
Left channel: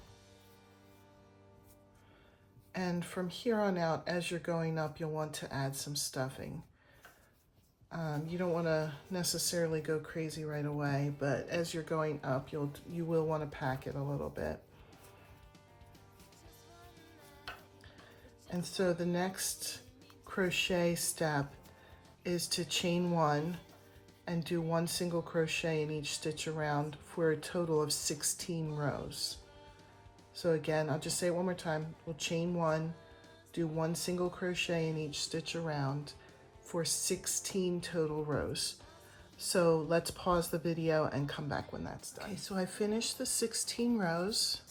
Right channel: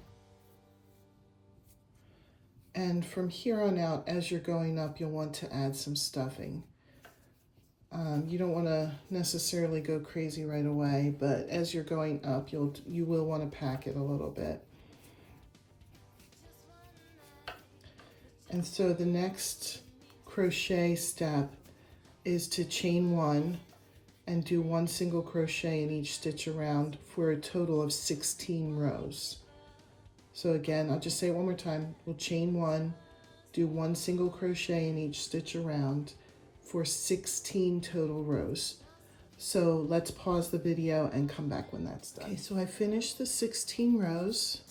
And from here on out, as you're going up, you'll want to add some stuffing. You don't want to necessarily go crazy right away, but as you're going up, you will want to pack it a little bit. And so the next crochet step is to chain 1 and do 1 single crochet in each stitch around for a total of 16 rows. So again, I'll just say it one more time. We'll chain 1, do 1 single crochet in each stitch around for 16 total rows. So let's pause the video and come back when that's done. Okay, so I finished the 16 rows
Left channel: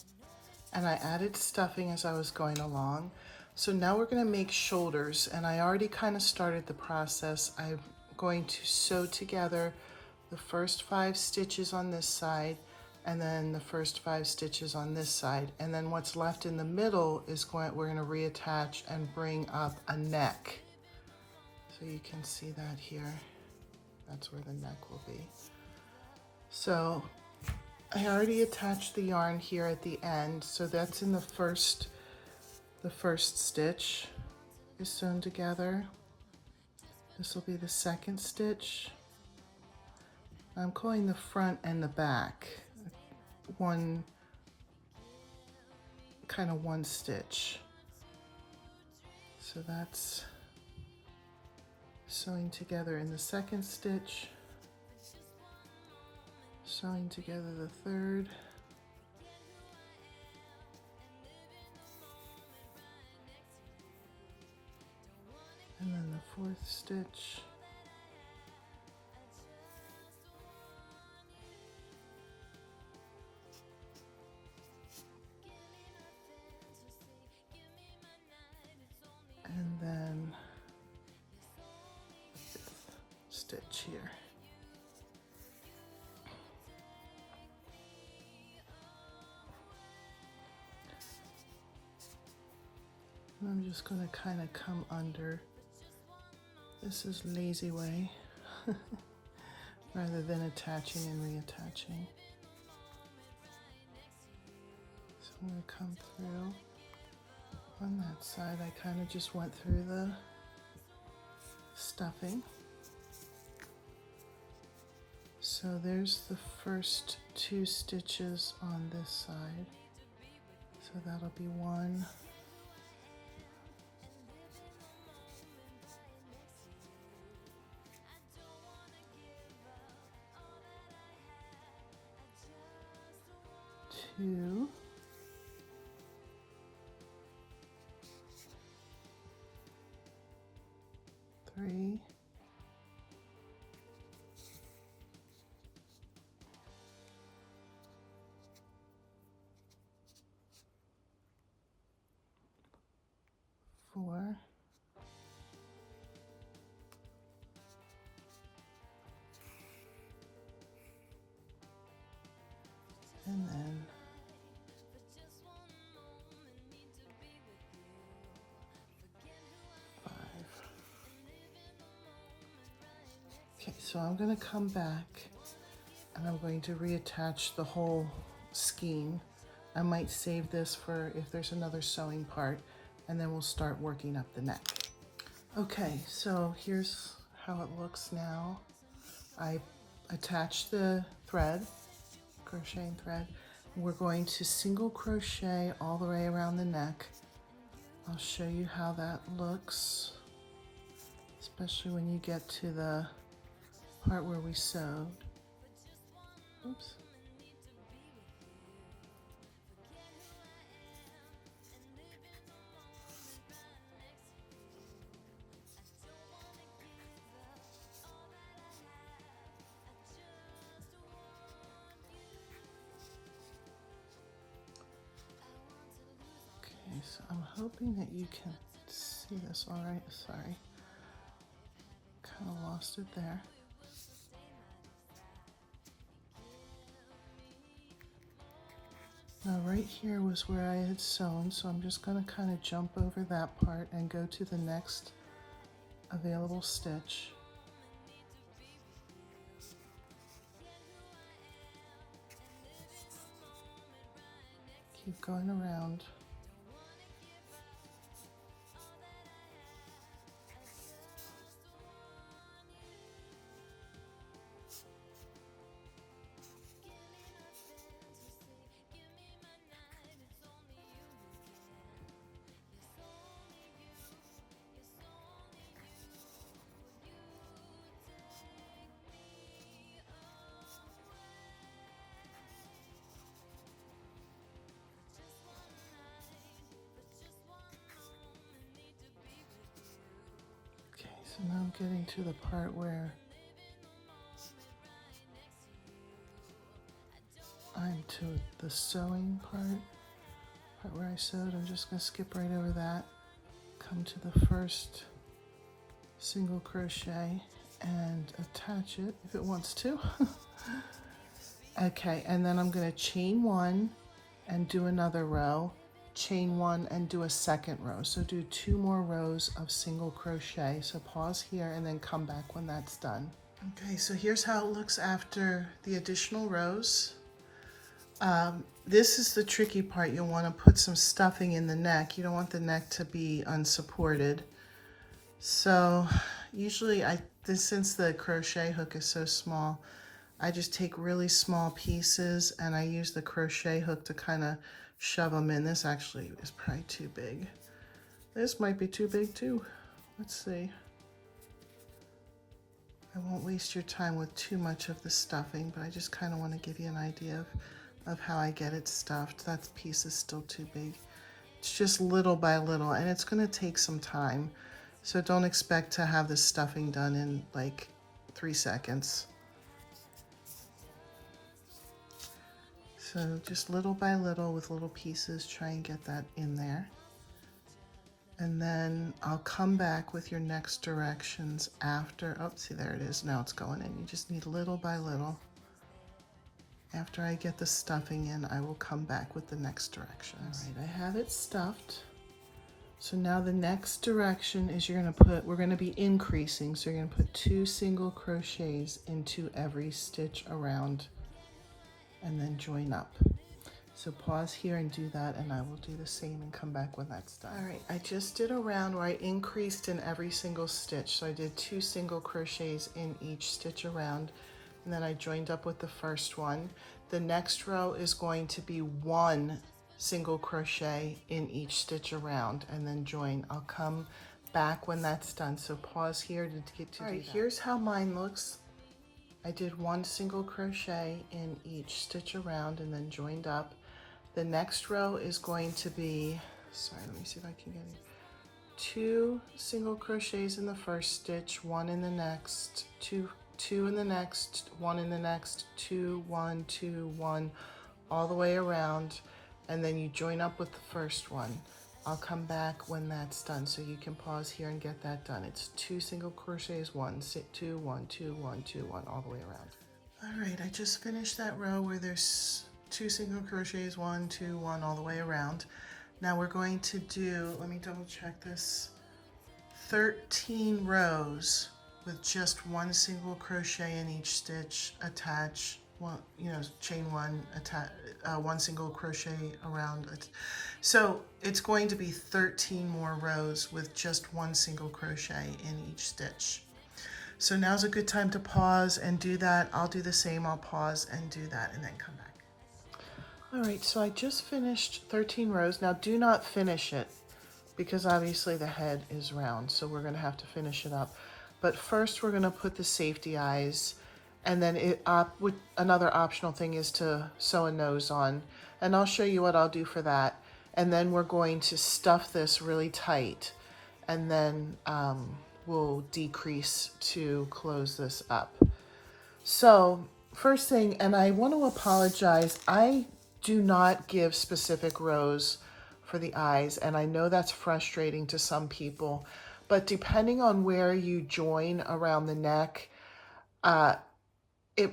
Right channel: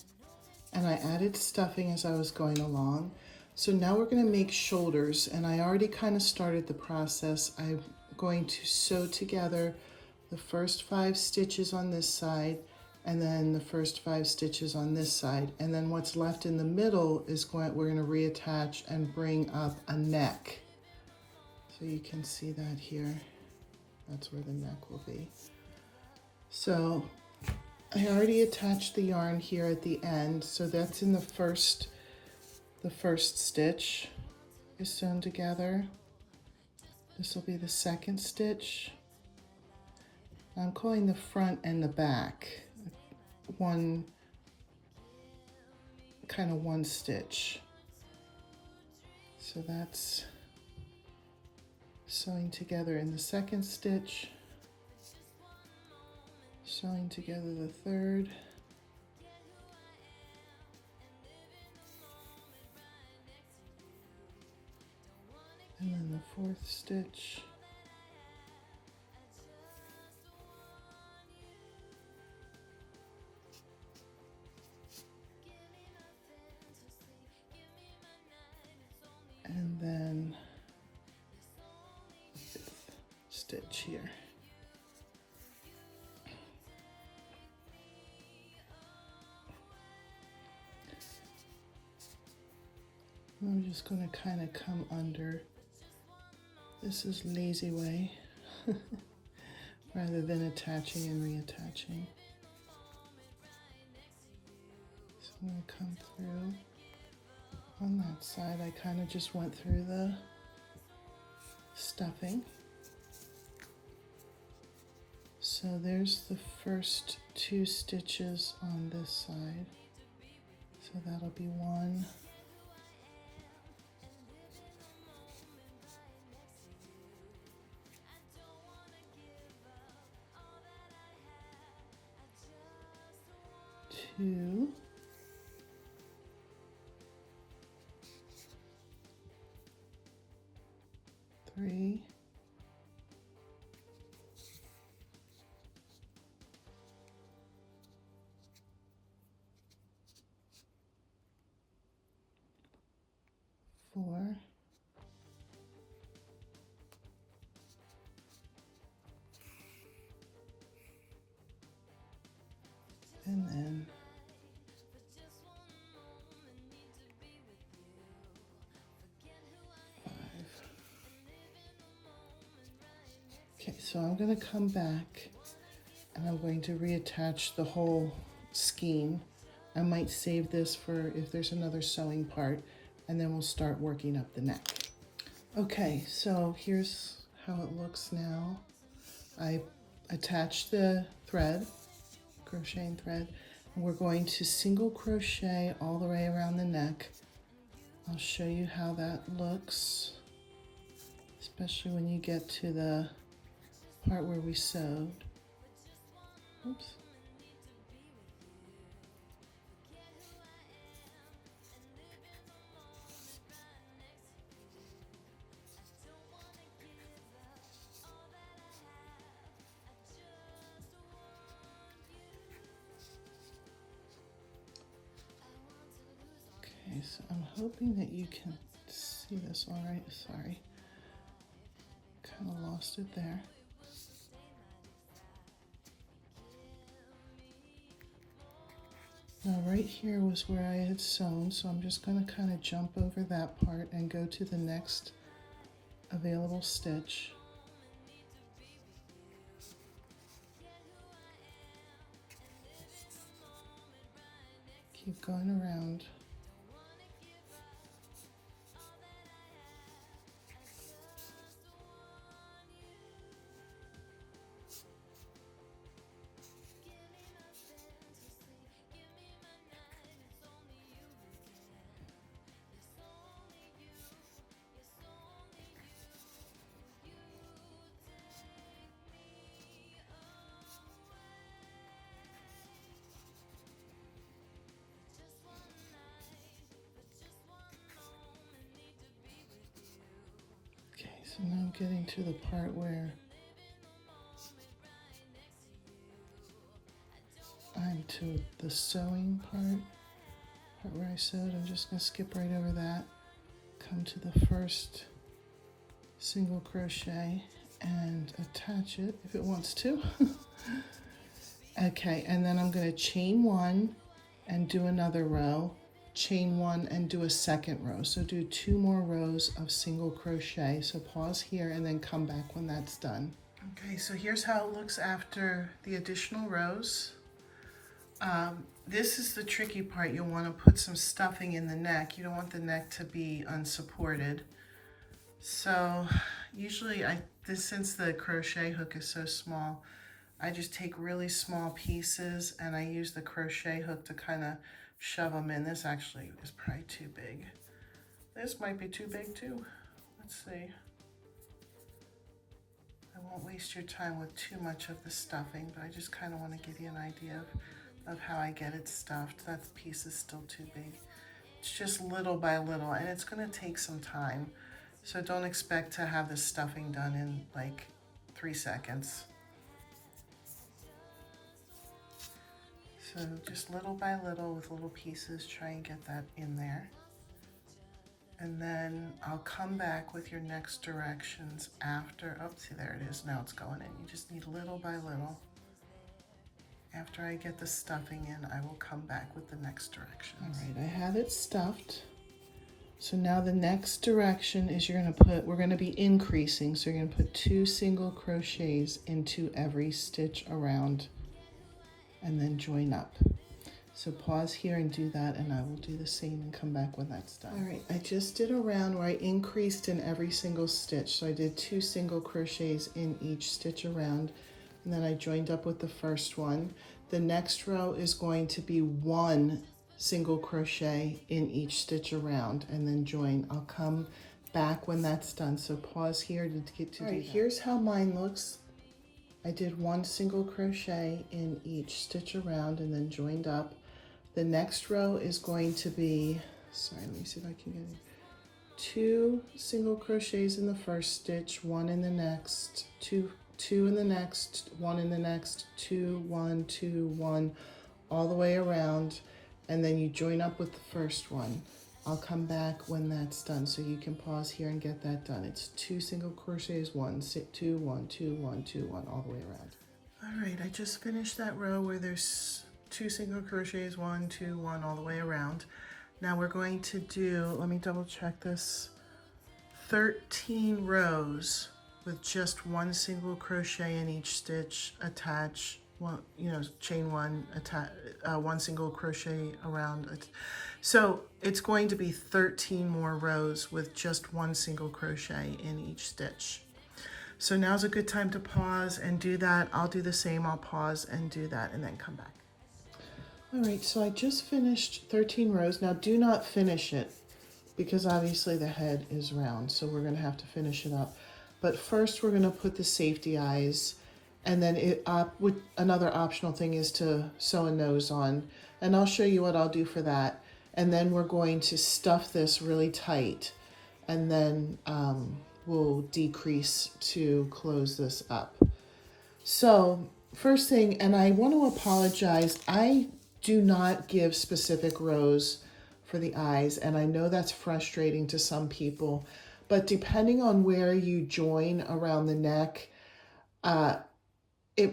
and I added stuffing as I was going along. So now we're going to make shoulders, and I already kind of started the process. I'm going to sew together the first 5 stitches on this side and then the first 5 stitches on this side, and then what's left in the middle is we're going to reattach and bring up a neck. So you can see that here. That's where the neck will be. So I already attached the yarn here at the end, so that's in the first stitch is sewn together. This will be the second stitch. I'm calling the front and the back one stitch. So that's sewing together in the second stitch, sewing together the third, and then the fourth stitch, and then the fifth stitch here. I'm just going to kind of come under. This is lazy way rather than attaching and reattaching. So I'm going to come through on that side. I kind of just went through the stuffing. So there's the first 2 stitches on this side. So that'll be 1. Two, 3, 4, and then 5. Okay, so I'm going to come back and I'm going to reattach the whole skein. I might save this for if there's another sewing part, and then we'll start working up the neck. Okay, so here's how it looks now. I attached the thread, crocheting thread, and we're going to single crochet all the way around the neck. I'll show you how that looks, especially when you get to the part where we sewed. Oops. Okay, so I'm hoping that you can see this all right. Sorry, kind of lost it there. Now right here was where I had sewn, so I'm just going to kind of jump over that part and go to the next available stitch. keep going around. So now I'm getting to the part where I'm to the sewing part where I sewed. I'm just going to skip right over that, come to the first single crochet and attach it if it wants to. Okay, and then I'm going to chain one and do another row, chain one and do a second row. So do 2 more rows of single crochet. So pause here and then come back when that's done. Okay, so here's how it looks after the additional rows. This is the tricky part. You'll want to put some stuffing in the neck. You don't want the neck to be unsupported. So usually since the crochet hook is so small, I just take really small pieces and I use the crochet hook to kind of shove them in. This actually is probably too big. This might be too big too. Let's see. I won't waste your time with too much of the stuffing, but I just kind of want to give you an idea of how I get it stuffed. That piece is still too big. It's just little by little, and it's going to take some time. So don't expect to have the stuffing done in like 3 seconds. So just little by little with little pieces, try and get that in there. And then I'll come back with your next directions after. Oh, see, there it is. Now it's going in. You just need little by little. After I get the stuffing in, I will come back with the next directions. All right, I have it stuffed. So now the next direction is we're gonna be increasing. So you're gonna put 2 single crochets into every stitch around and then join up. So pause here and do that, and I will do the same and come back when that's done. All right, I just did a round where I increased in every single stitch. So I did 2 single crochets in each stitch around, and then I joined up with the first one. The next row is going to be 1 single crochet in each stitch around, and then join. I'll come back when that's done. So pause here to get to. All right, here's how mine looks. I did 1 single crochet in each stitch around and then joined up. The next row is going to be, sorry, let me see if I can get it. 2 single crochets in the first stitch, 1 in the next, 2 in the next, 1 in the next, 2, 1, 2, 1, all the way around, and then you join up with the first one. I'll come back when that's done, so you can pause here and get that done. It's 2 single crochets, 1, 2, 1, 2, 1, 2, 1, all the way around. All right, I just finished that row where there's 2 single crochets, 1, 2, 1, all the way around. Now we're going to do, let me double check this, 13 rows with just 1 single crochet in each stitch, attach, chain 1, attach, 1 single crochet around it. So it's going to be 13 more rows with just 1 single crochet in each stitch. So now's a good time to pause and do that. I'll do the same, I'll pause and do that and then come back. All right, so I just finished 13 rows. Now do not finish it because obviously the head is round, so we're gonna have to finish it up. But first we're gonna put the safety eyes, and then another optional thing is to sew a nose on. And I'll show you what I'll do for that. And then we're going to stuff this really tight, and then we'll decrease to close this up. So first thing, and I want to apologize, I do not give specific rows for the eyes, and I know that's frustrating to some people, but depending on where you join around the neck, I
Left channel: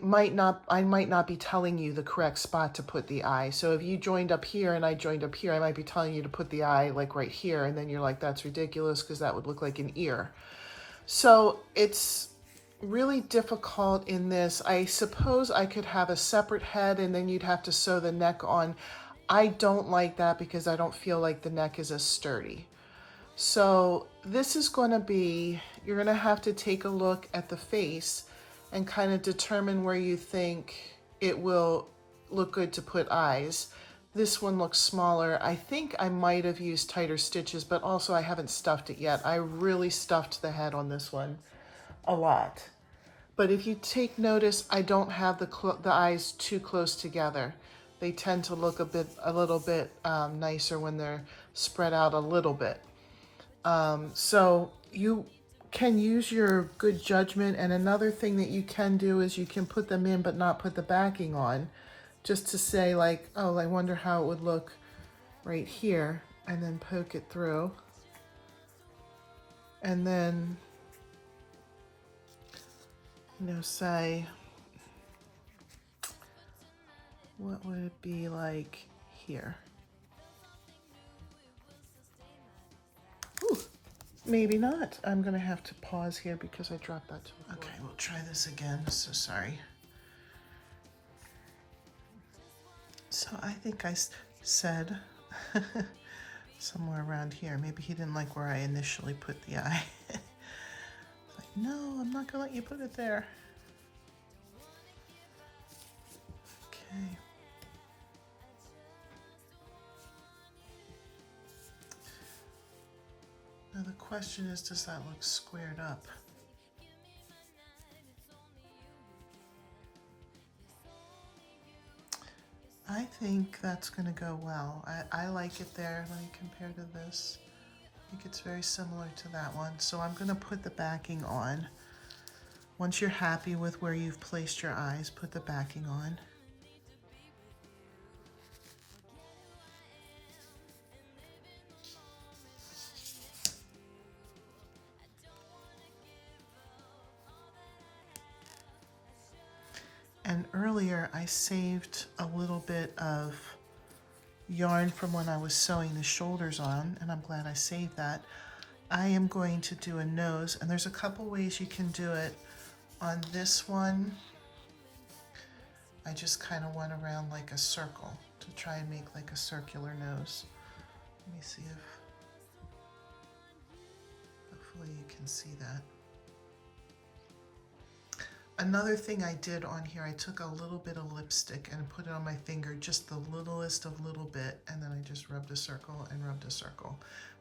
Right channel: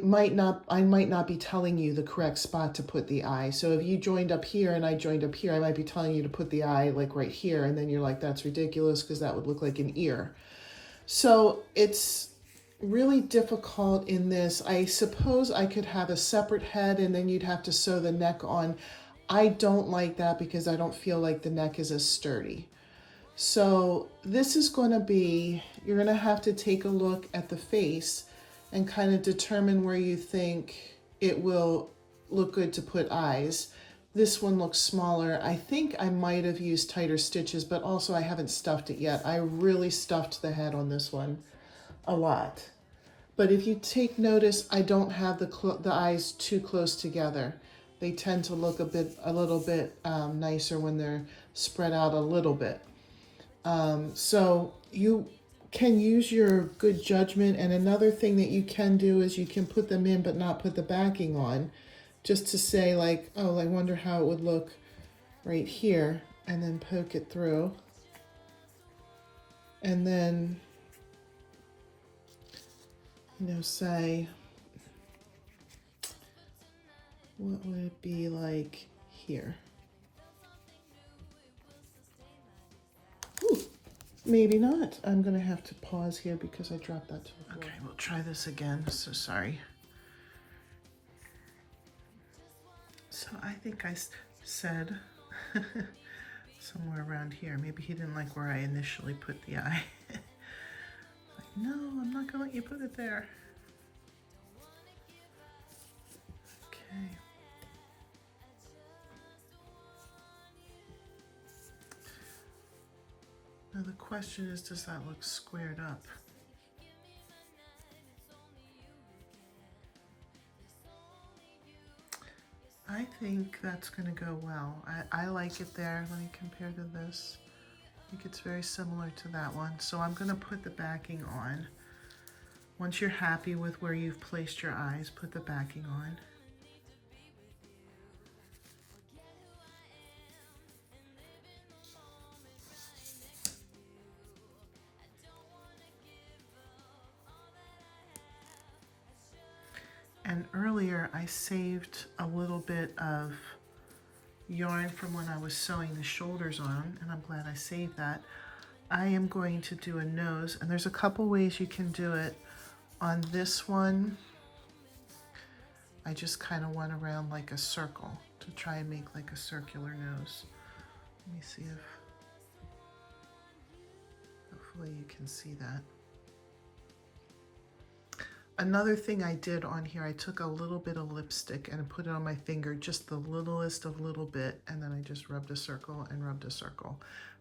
might not be telling you the correct spot to put the eye. So if you joined up here and I joined up here, I might be telling you to put the eye like right here, and then you're like, that's ridiculous because that would look like an ear. So it's really difficult in this. I suppose I could have a separate head and then you'd have to sew the neck on. I don't like that because I don't feel like the neck is as sturdy. So this is going to be, you're going to have to take a look at the face and kind of determine where you think it will look good to put eyes. This one looks smaller. I think I might have used tighter stitches, but also I haven't stuffed it yet. I really stuffed the head on this one a lot. But if you take notice, I don't have the eyes too close together. They tend to look a little bit nicer when they're spread out a little bit. So you can use your good judgment. And another thing that you can do is you can put them in but not put the backing on, just to say like, oh, I wonder how it would look right here, and then poke it through. And then, you know, say, what would it be like here? Ooh, maybe not. I'm gonna have to pause here because I dropped that. Okay, we'll try this again. So sorry. So I think I said somewhere around here. Maybe he didn't like where I initially put the eye. Like, no, I'm not gonna let you put it there. Okay. Now the question is, does that look squared up? I think that's going to go well. I like it there. Let me compare to this. I think it's very similar to that one. So I'm going to put the backing on. Once you're happy with where you've placed your eyes, put the backing on. And earlier I saved a little bit of yarn from when I was sewing the shoulders on, and I'm glad I saved that. I am going to do a nose, and there's a couple ways you can do it. On this one, I just kind of went around like a circle to try and make like a circular nose. Let me see if, hopefully you can see that. Another thing I did on here, I took a little bit of lipstick and put it on my finger, just the littlest of little bit, and then I just rubbed a circle and rubbed a circle.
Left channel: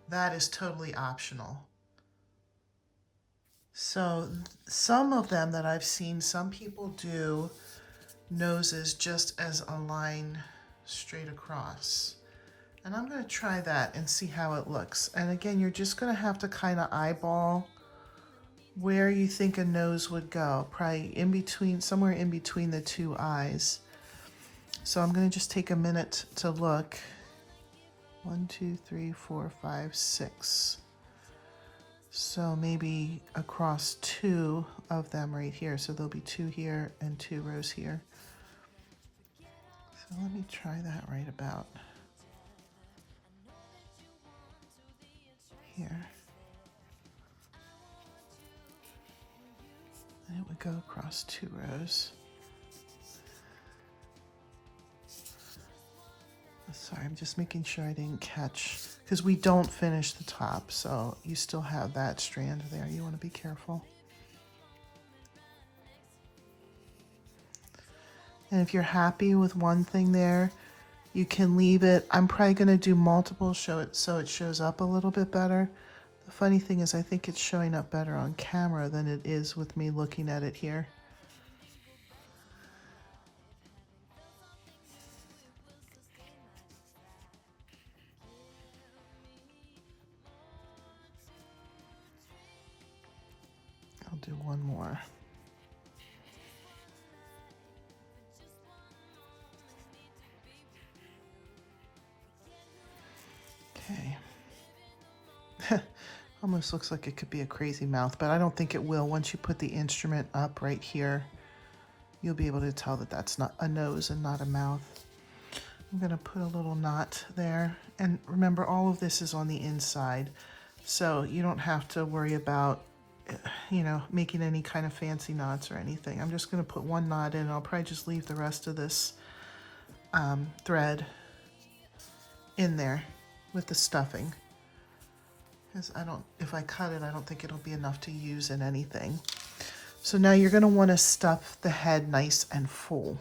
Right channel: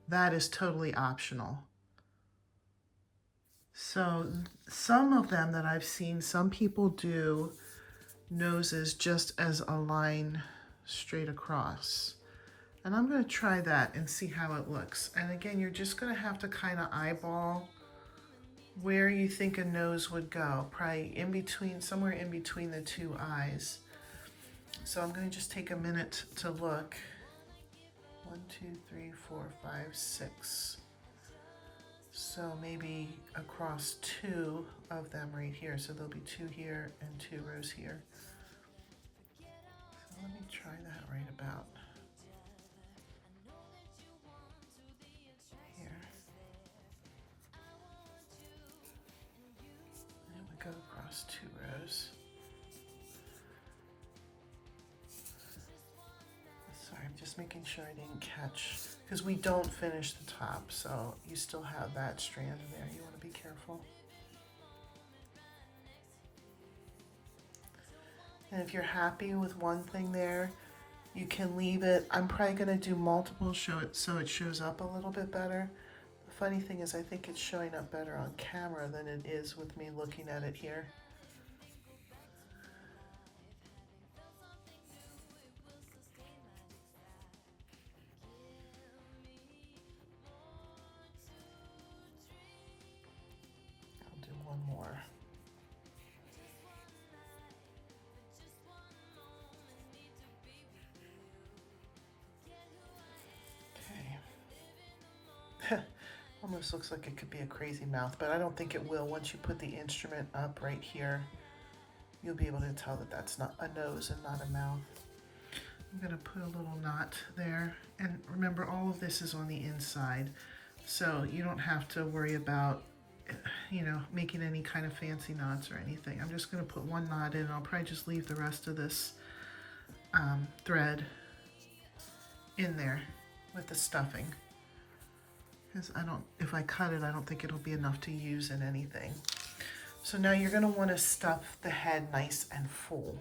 That is totally optional. So some of them that I've seen, some people do noses just as a line straight across. And I'm going to try that and see how it looks. And again, you're just going to have to kind of eyeball where you think a nose would go, probably in between, somewhere in between the two eyes. So I'm going to just take a minute to look. 1, 2, 3, 4, 5, 6. So maybe across 2 of them right here. So there'll be 2 here and 2 rows here. So let me try that right about here. And it would go across 2 rows. Sorry, I'm just making sure I didn't catch, because we don't finish the top, so you still have that strand there. You want to be careful. And if you're happy with one thing there, you can leave it. I'm probably going to do multiple so it shows up a little bit better. The funny thing is I think it's showing up better on camera than it is with me looking at it here. I'll do one more. Okay. Almost looks like it could be a crazy mouth, but I don't think it will. Once you put the instrument up right here, you'll be able to tell that that's not a nose and not a mouth. I'm going to put a little knot there. And remember, all of this is on the inside, so you don't have to worry about, you know, making any kind of fancy knots or anything. I'm just going to put one knot in. I'll probably just leave the rest of this thread in there with the stuffing. Because if I cut it, I don't think it'll be enough to use in anything. So now you're gonna wanna stuff the head nice and full.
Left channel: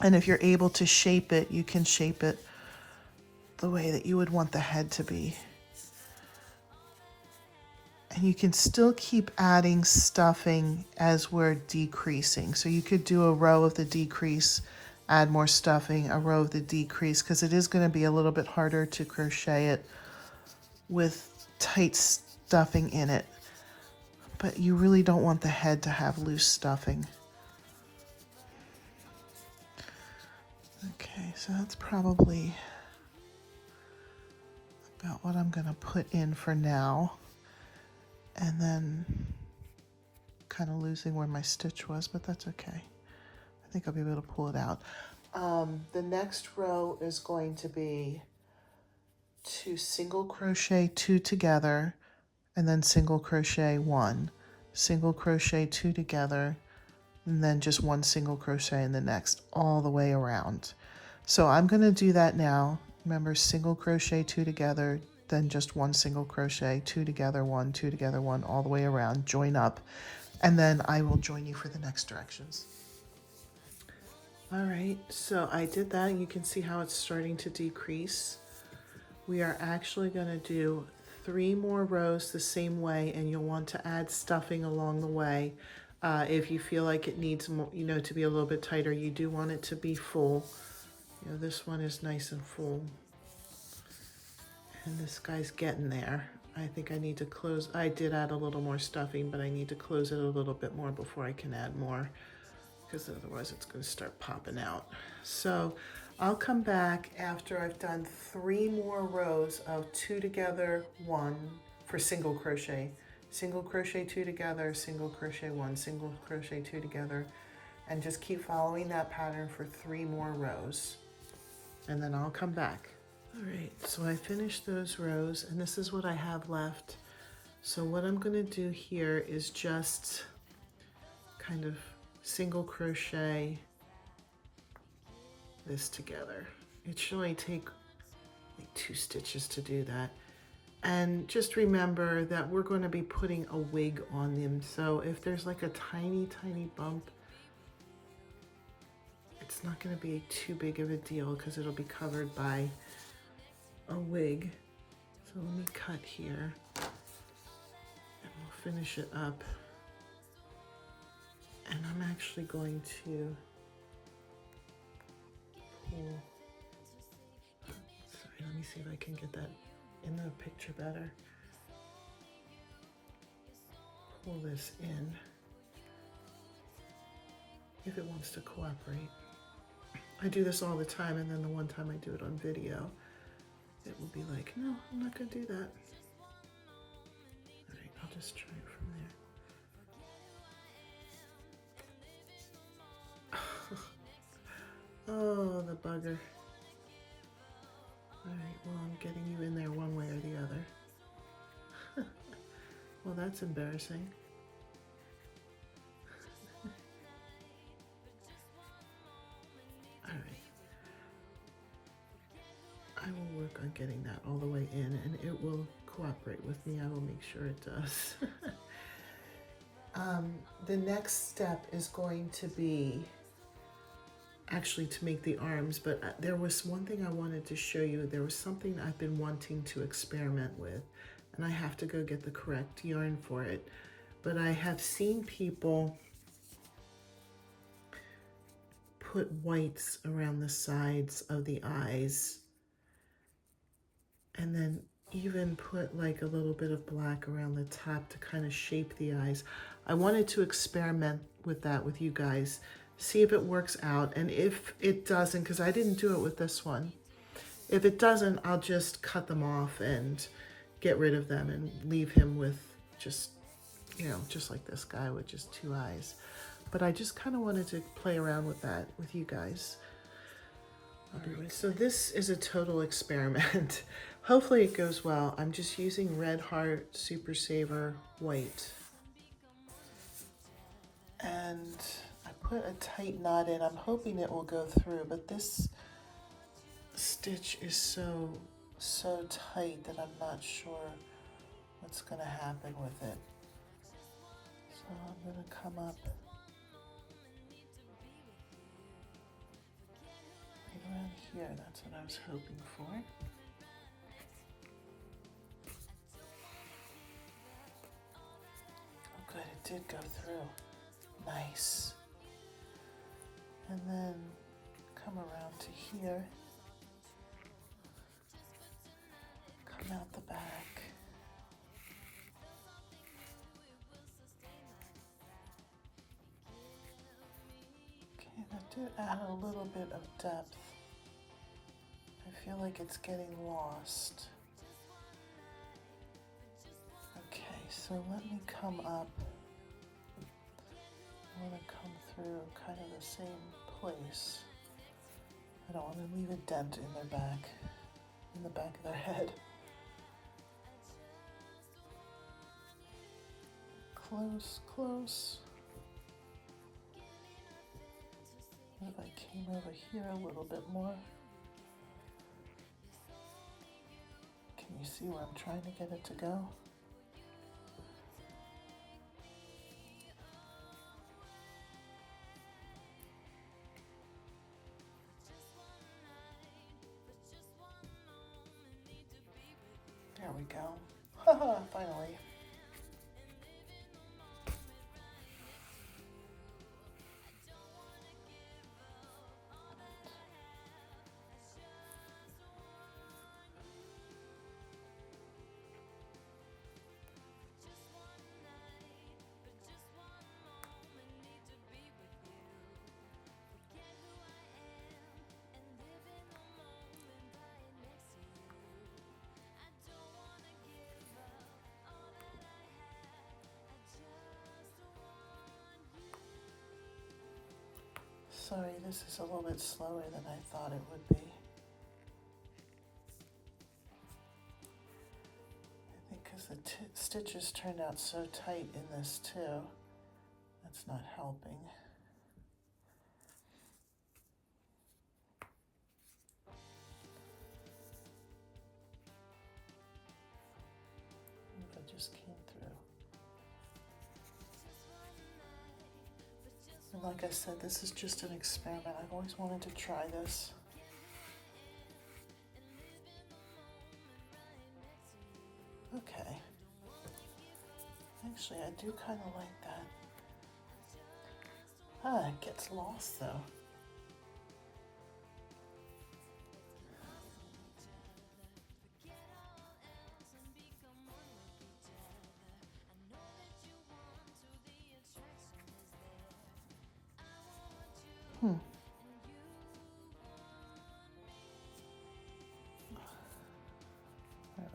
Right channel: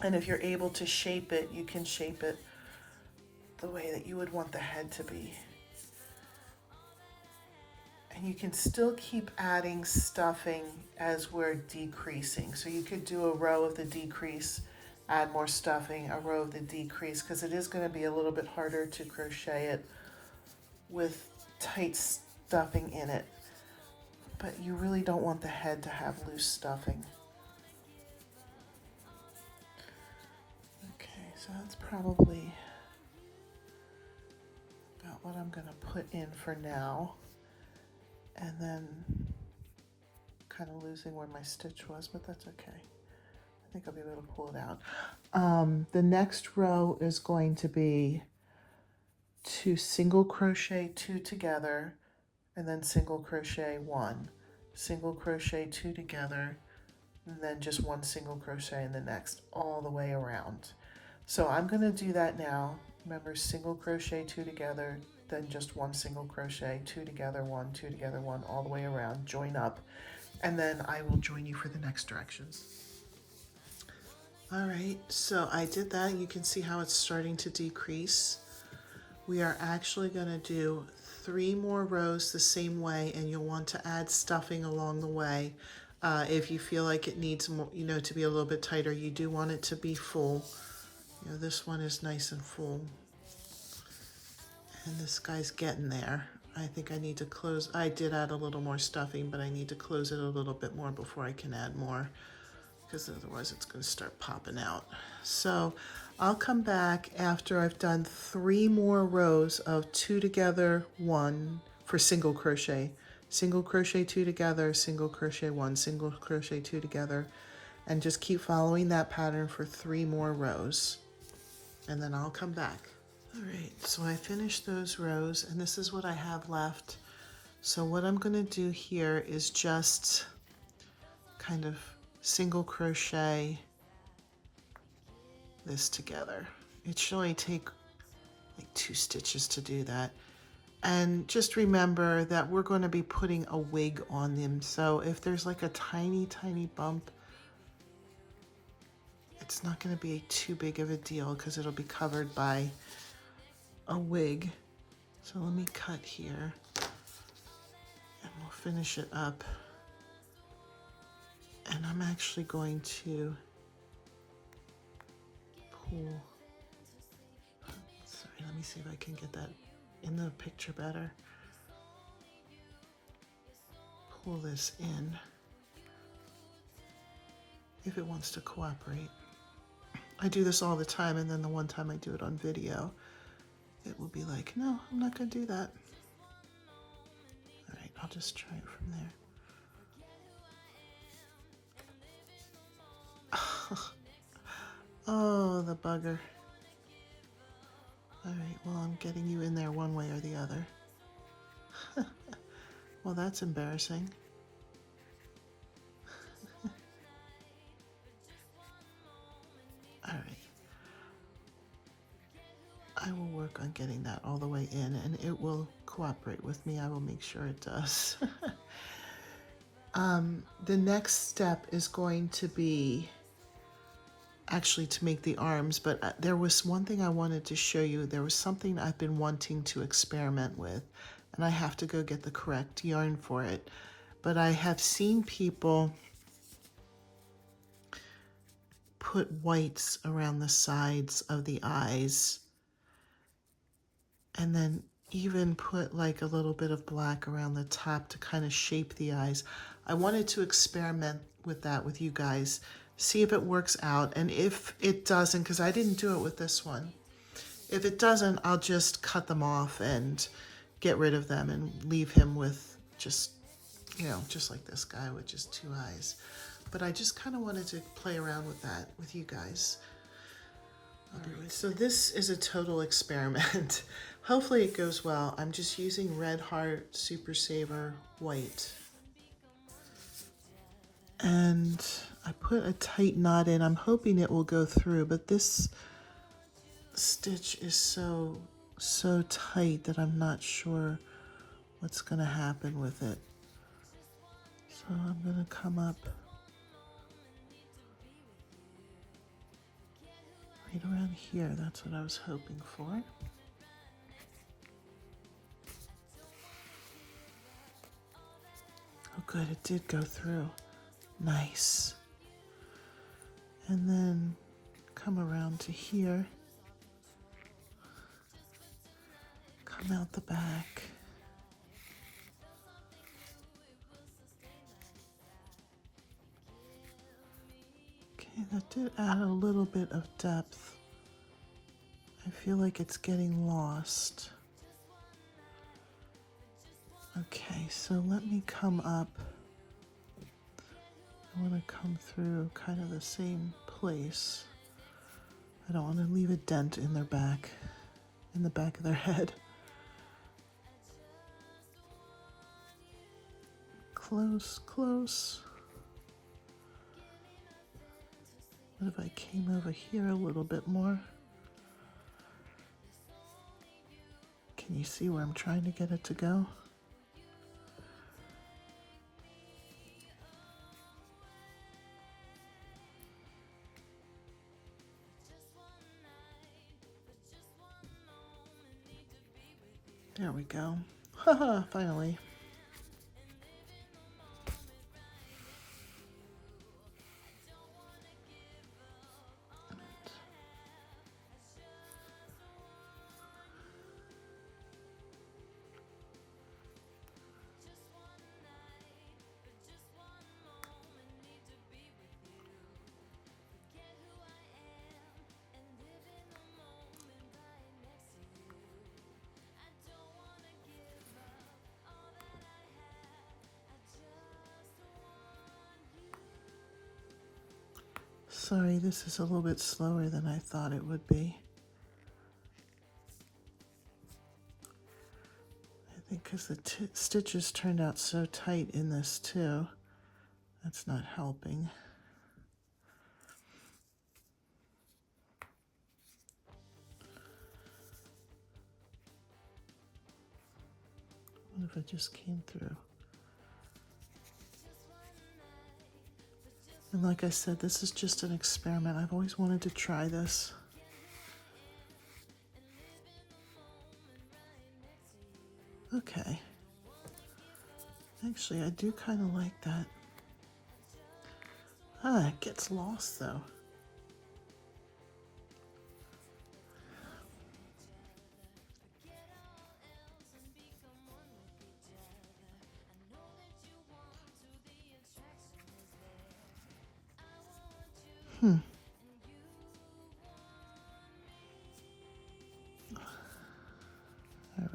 And if you're able to shape it, you can shape it the way that you would want the head to be. And you can still keep adding stuffing as we're decreasing. So you could do a row of the decrease, add more stuffing, a row of the decrease, because it is going to be a little bit harder to crochet it with tight stuffing in it. But you really don't want the head to have loose stuffing. Okay, so that's probably about what I'm going to put in for now. And then kind of losing where my stitch was, but that's okay. I think I'll be able to pull it out. The next row is going to be 2 single crochet 2 together, and then single crochet 1, single crochet 2 together, and then just 1 single crochet in the next, all the way around. So I'm going to do that now. Remember, single crochet 2 together, then just 1 single crochet, 2 together, 1, 2 together, 1, all the way around, join up, and then I will join you for the next directions. All right, so I did that. You can see how it's starting to decrease. We are actually going to do 3 more rows the same way, and you'll want to add stuffing along the way. If you feel like it needs more, to be a little bit tighter, you do want it to be full. This one is nice and full. And this guy's getting there. I think I need to close. I did add a little more stuffing, but I need to close it a little bit more before I can add more, because otherwise it's going to start popping out. So I'll come back after I've done 3 more rows of 2 together, 1 for single crochet, single crochet 2 together, single crochet 1, single crochet 2 together, and just keep following that pattern for 3 more rows, and then I'll come back. All right, so I finished those rows, and this is what I have left. So what I'm going to do here is just kind of single crochet this together. It should only take like 2 stitches to do that. And just remember that we're going to be putting a wig on them. So if there's like a tiny, tiny bump, it's not going to be too big of a deal because it'll be covered by a wig. So let me cut here and we'll finish it up. And I'm actually going to pull, sorry, let me see if I can get that in the picture better. Pull this in if it wants to cooperate. I do this all the time, and then the one time I do it on video, it will be like, no, I'm not going to do that. All right, I'll just try it from there. Oh, the bugger. All right, well, I'm getting you in there one way or the other. Well, that's embarrassing. All right. I will work on getting that all the way in, and it will cooperate with me. I will make sure it does. The next step is going to be actually to make the arms, but there was one thing I wanted to show you. There was something I've been wanting to experiment with, and I have to go get the correct yarn for it. But I have seen people put whites around the sides of the eyes, and then even put like a little bit of black around the top to kind of shape the eyes. I wanted to experiment with that with you guys, see if it works out, and if it doesn't, because I didn't do it with this one, if it doesn't, I'll just cut them off and get rid of them and leave him with just, just like this guy with just 2 eyes. But I just kind of wanted to play around with that with you guys. So this is a total experiment. Hopefully it goes well. I'm just using Red Heart Super Saver White. And I put a tight knot in. I'm hoping it will go through, but this stitch is so tight that I'm not sure what's gonna happen with it. So I'm gonna come up right around here. That's what I was hoping for. Oh good, it did go through. Nice. And then come around to here. Come out the back. Okay, that did add a little bit of depth. I feel like it's getting lost. Okay, so let me come up. I want to come through kind of the same place. I don't want to leave a dent in their back, in the back of their head. Close, close. What if I came over here a little bit more? Can you see where I'm trying to get it to go? There we go. Haha, finally. Sorry, this is a little bit slower than I thought it would be. I think because the stitches turned out so tight in this too, that's not helping. What if I just came through? And like I said, this is just an experiment. I've always wanted to try this. Okay. Actually, I do kind of like that. Ah, it gets lost though. All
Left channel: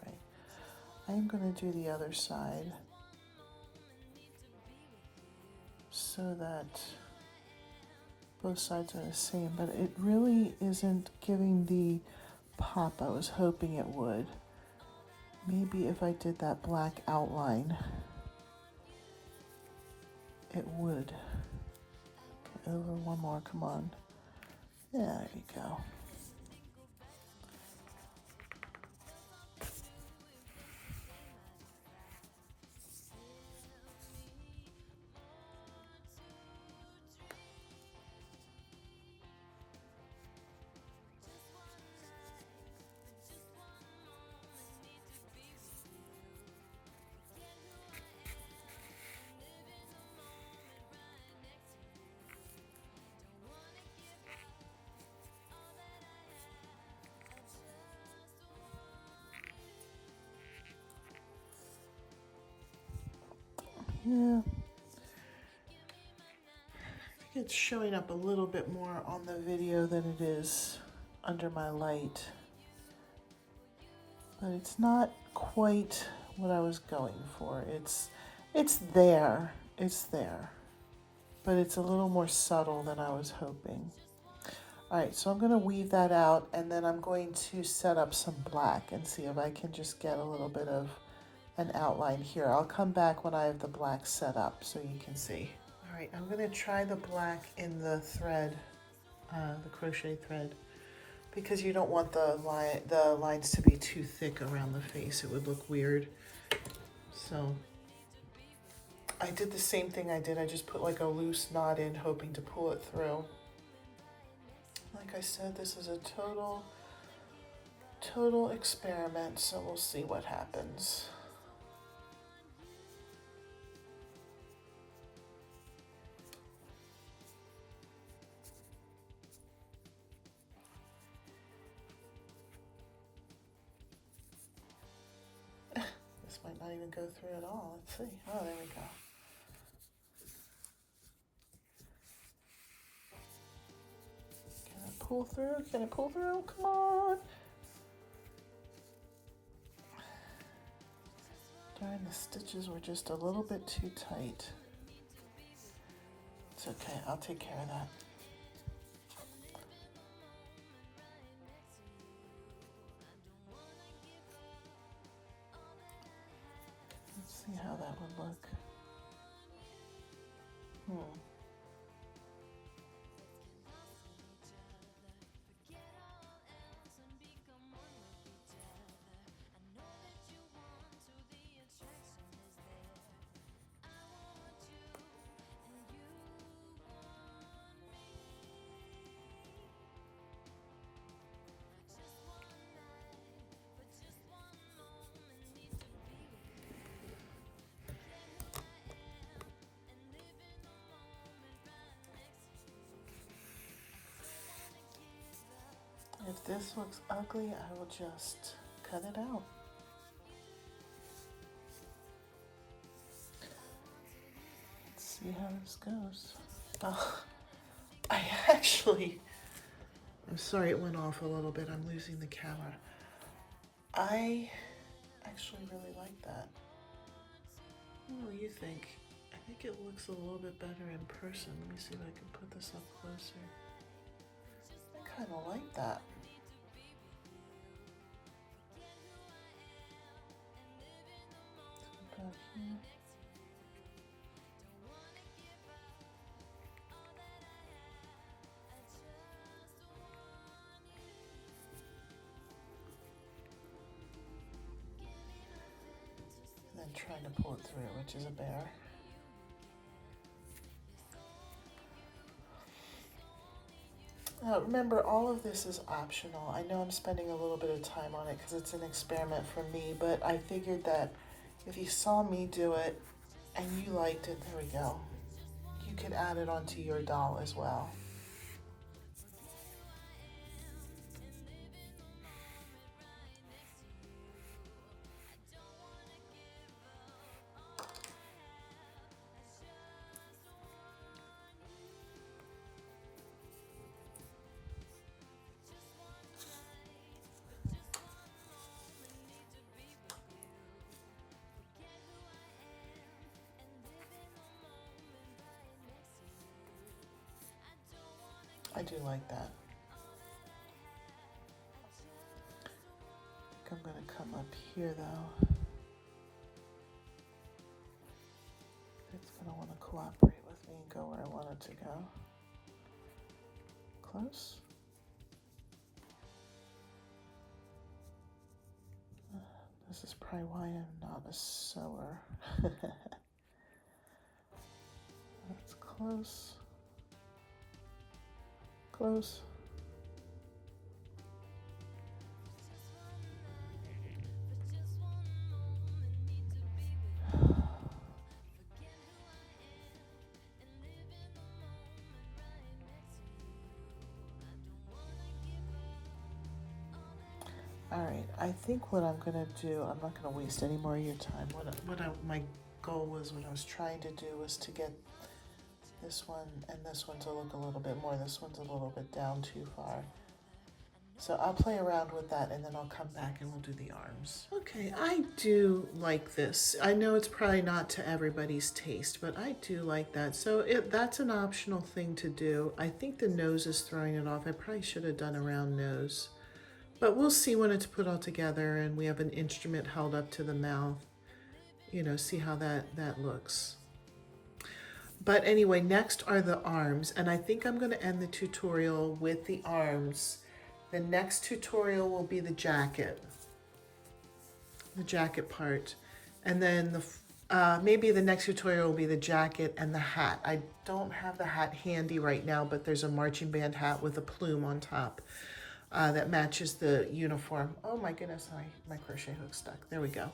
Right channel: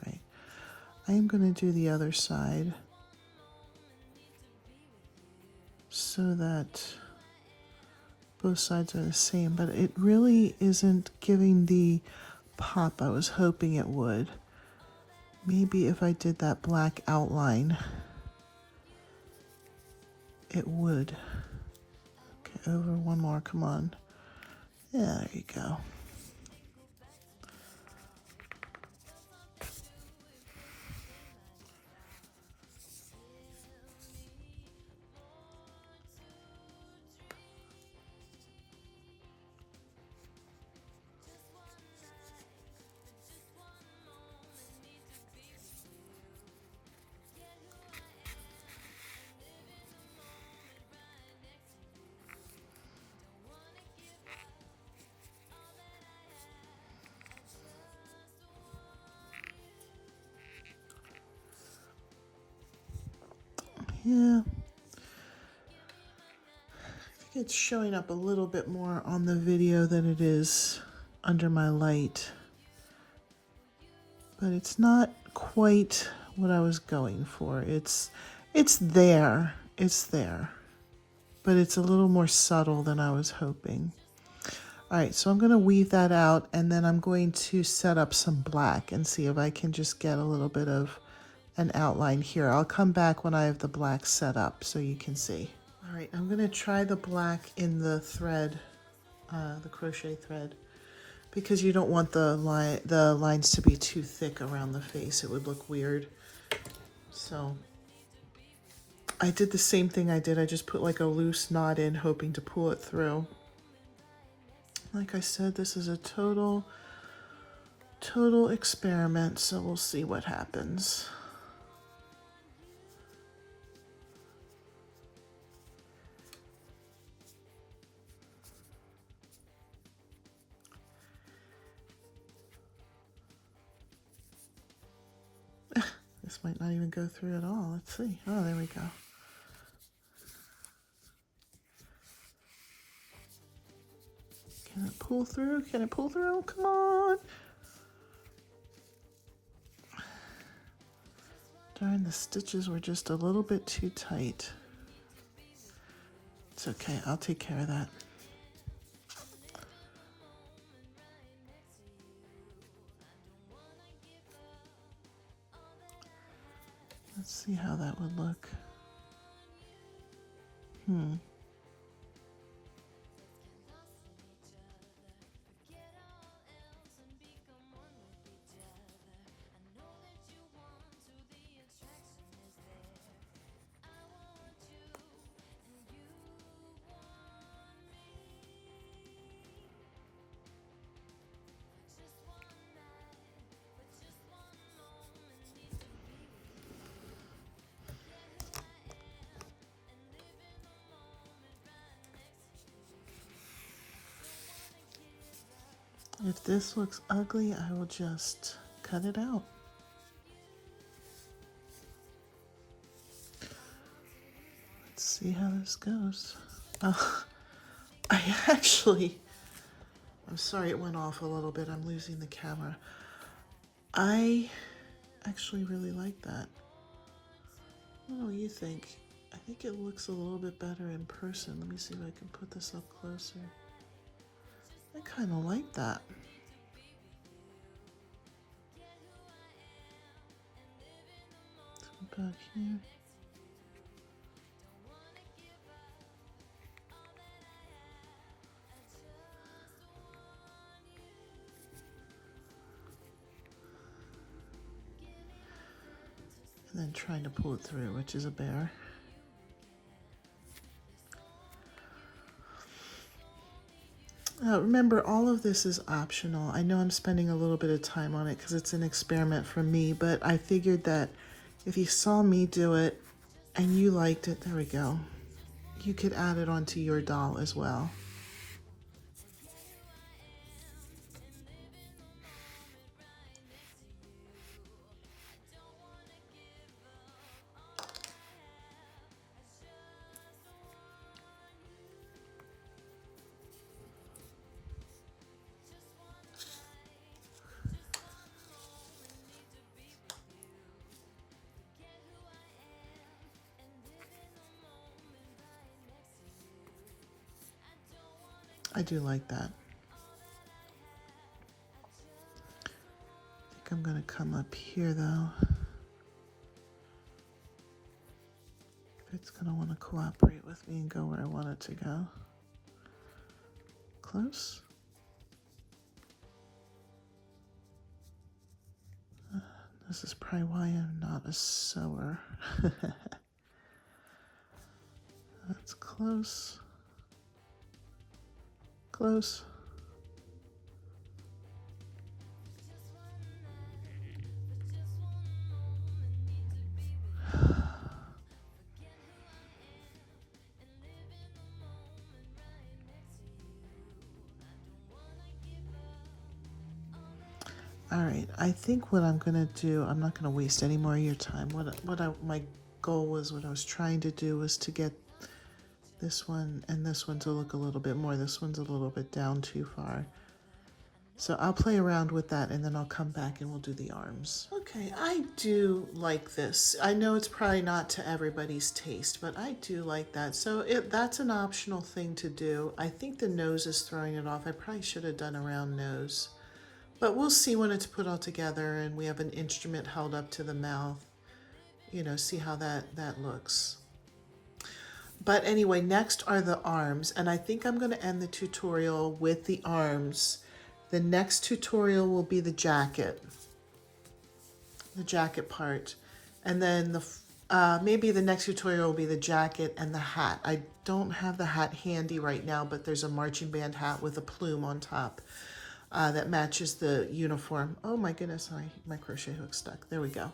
right. I am going to do the other side so that both sides are the same, but it really isn't giving the pop I was hoping it would. Maybe if I did that black outline, it would. Okay, over one more, come on. Yeah, there you go. Yeah, it's showing up a little bit more on the video than it is under my light, but it's not quite what I was going for. It's there, but it's a little more subtle than I was hoping. All right, so I'm going to weave that out, and then I'm going to set up some black and see if I can just get a little bit of an outline here. I'll come back when I have the black set up so you can see. All right, I'm going to try the black in the thread, the crochet thread. because you don't want the lines to be too thick around the face. It would look weird. So I did the same thing I did. I just put like a loose knot in, hoping to pull it through. Like I said, this is a total experiment, so we'll see what happens. This might not even go through at all. Let's see. Oh, there we go. Can it pull through? Can it pull through? Come on. Darn, the stitches were just a little bit too tight. It's okay. I'll take care of that. Let's see how that would look. If this looks ugly, I will just cut it out. Let's see how this goes. Oh, I'm sorry it went off a little bit. I'm losing the camera. I actually really like that. What do you think? I think it looks a little bit better in person. Let me see if I can put this up closer. I kind of like that. Back here. And then trying to pull it through, which is a bear. Remember, all of this is optional. I know I'm spending a little bit of time on it because it's an experiment for me, but I figured that if you saw me do it and you liked it, there we go, you could add it onto your doll as well. I do like that. I think I'm going to come up here though. It's going to want to cooperate with me and go where I want it to go. Close. This is probably why I'm not a sewer. That's close. Close. All right, I think what I'm gonna do, I'm not gonna waste any more of your time. My goal was, what I was trying to do was to get this one and this one to look a little bit more. This one's a little bit down too far. So I'll play around with that and then I'll come back and we'll do the arms. Okay, I do like this. I know it's probably not to everybody's taste, but I do like that. So that's an optional thing to do. I think the nose is throwing it off. I probably should have done a round nose. But we'll see when it's put all together and we have an instrument held up to the mouth. You know, see how that looks. But anyway, next are the arms. And I think I'm going to end the tutorial with the arms. The next tutorial will be the jacket part. And then maybe the next tutorial will be the jacket and the hat. I don't have the hat handy right now, but there's a marching band hat with a plume on top that matches the uniform. Oh my goodness, my crochet hook stuck. There we go.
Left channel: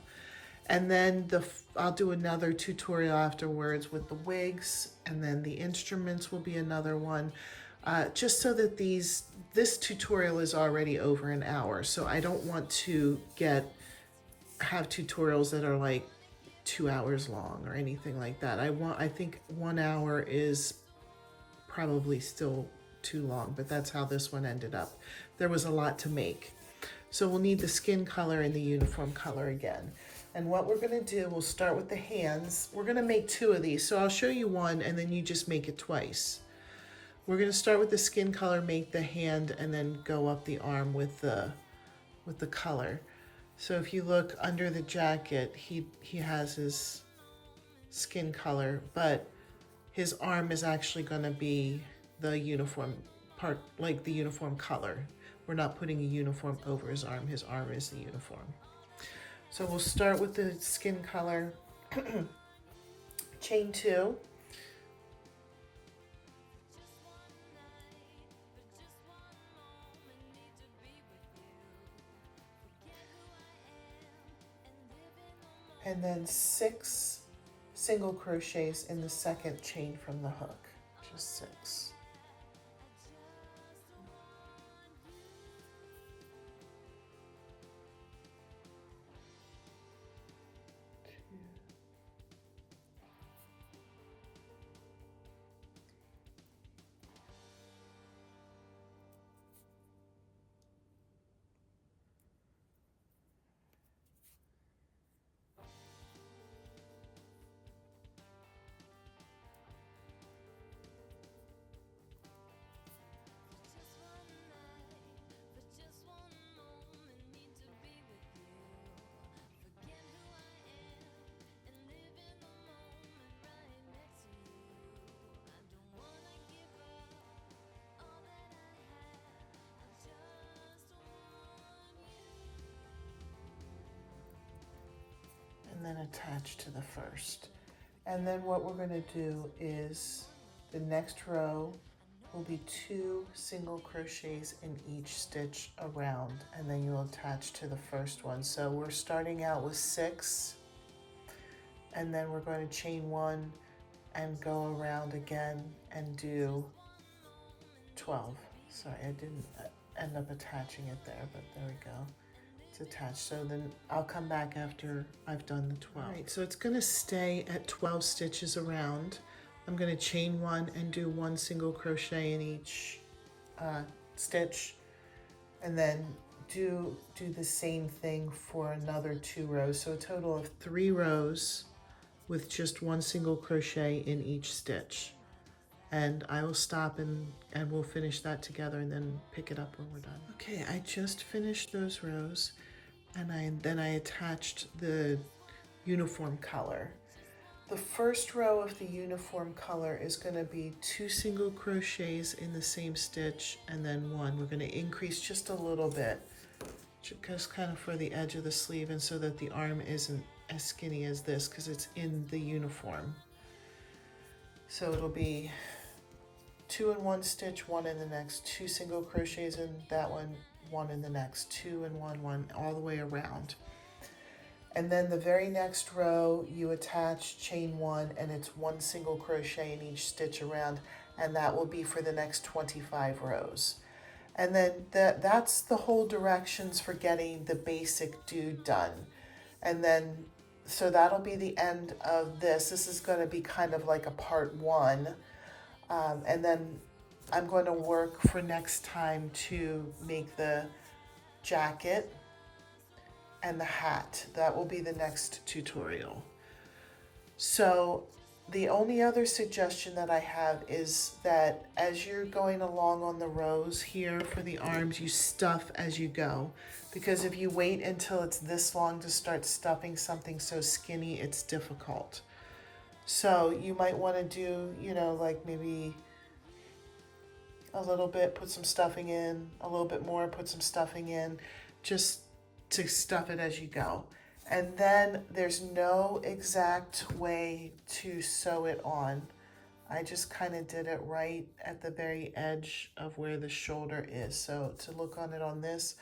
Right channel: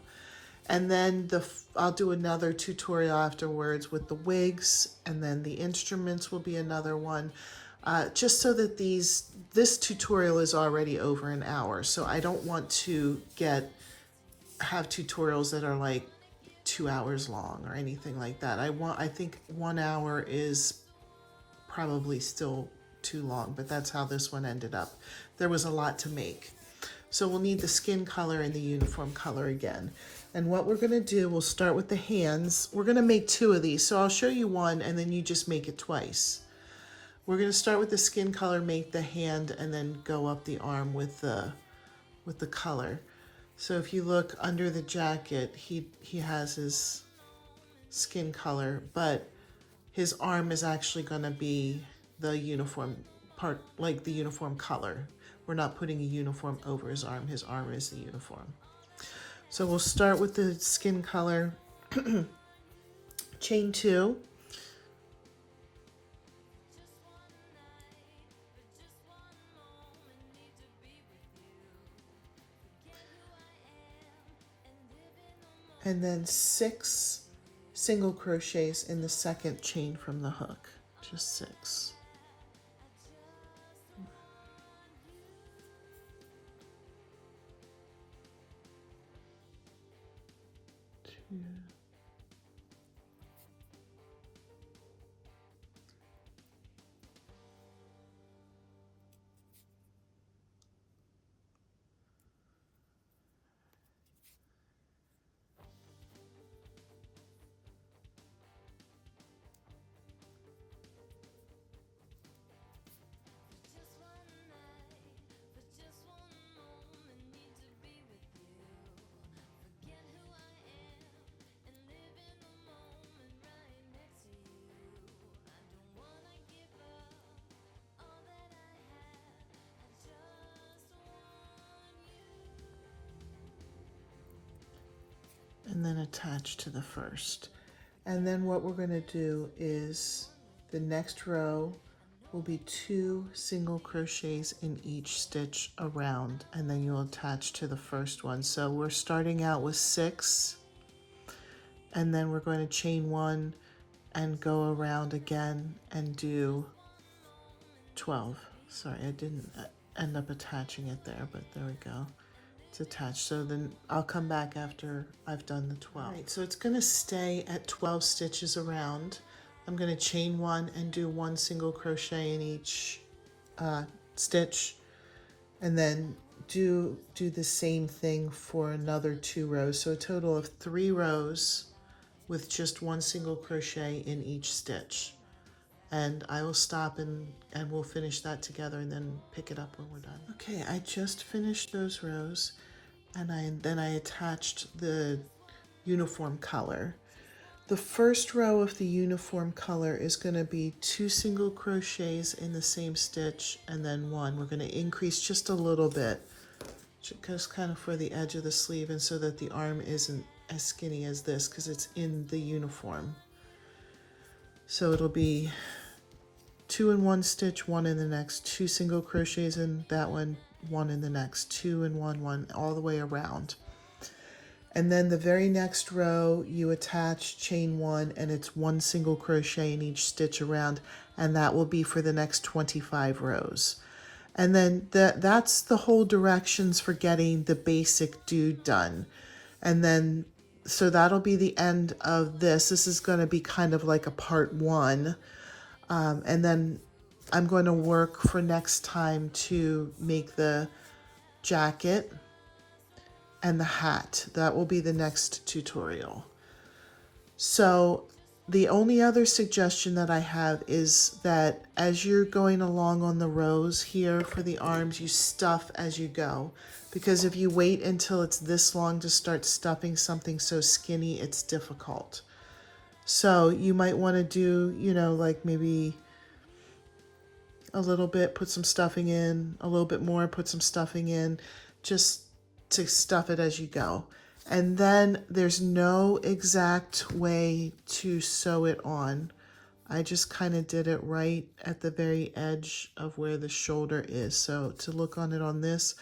And then I'll do another tutorial afterwards with the wigs, and then the instruments will be another one. Just so that this tutorial is already over an hour, so I don't want to have tutorials that are like 2 hours long or anything like that. I think 1 hour is probably still too long, but that's how this one ended up. There was a lot to make. So we'll need the skin color and the uniform color again. And what we're gonna do, we'll start with the hands. We're gonna make 2 of these, so I'll show you one and then you just make it twice. We're gonna start with the skin color, make the hand, and then go up the arm with the color. So if you look under the jacket, he has his skin color, but his arm is actually gonna be the uniform part, like the uniform color. We're not putting a uniform over his arm is the uniform. So we'll start with the skin color, chain 2. And then 6 single crochets in the second chain from the hook, just 6. 2. And then attach to the first. And then what we're going to do is the next row will be 2 single crochets in each stitch around, and then you'll attach to the first one. So we're starting out with 6, and then we're going to chain 1 and go around again and do 12. Sorry, I didn't end up attaching it there, but there we go. It's attached. So then I'll come back after I've done the 12. All right, so it's going to stay at 12 stitches around. I'm going to chain 1 and do 1 single crochet in each stitch, and then do the same thing for another 2 rows. So a total of 3 rows with just 1 single crochet in each stitch. And I will stop and we'll finish that together and then pick it up when we're done. Okay, I just finished those rows, and then I attached the uniform color. The first row of the uniform color is going to be 2 single crochets in the same stitch and then 1. We're going to increase just a little bit, just kind of for the edge of the sleeve, and so that the arm isn't as skinny as this because it's in the uniform. So it'll be 2 in one stitch, 1 in the next, 2 single crochets in that one, 1 in the next, 2 in one, 1 all the way around. And then the very next row you attach chain 1, and it's 1 single crochet in each stitch around, and that will be for the next 25 rows. And then that's the whole directions for getting the basic dude done. And then so that'll be the end of this. This is going to be kind of like a part 1. And then I'm going to work for next time to make the jacket and the hat. That will be the next tutorial. So the only other suggestion that I have is that as you're going along on the rows here for the arms, you stuff as you go. Because if you wait until it's this long to start stuffing something so skinny, it's difficult. So you might want to do, you know, like maybe a little bit, put some stuffing in, a little bit more, put some stuffing in, just to stuff it as you go. And then there's no exact way to sew it on. I just kind of did it right at the very edge of where the shoulder is. So to look on it on this,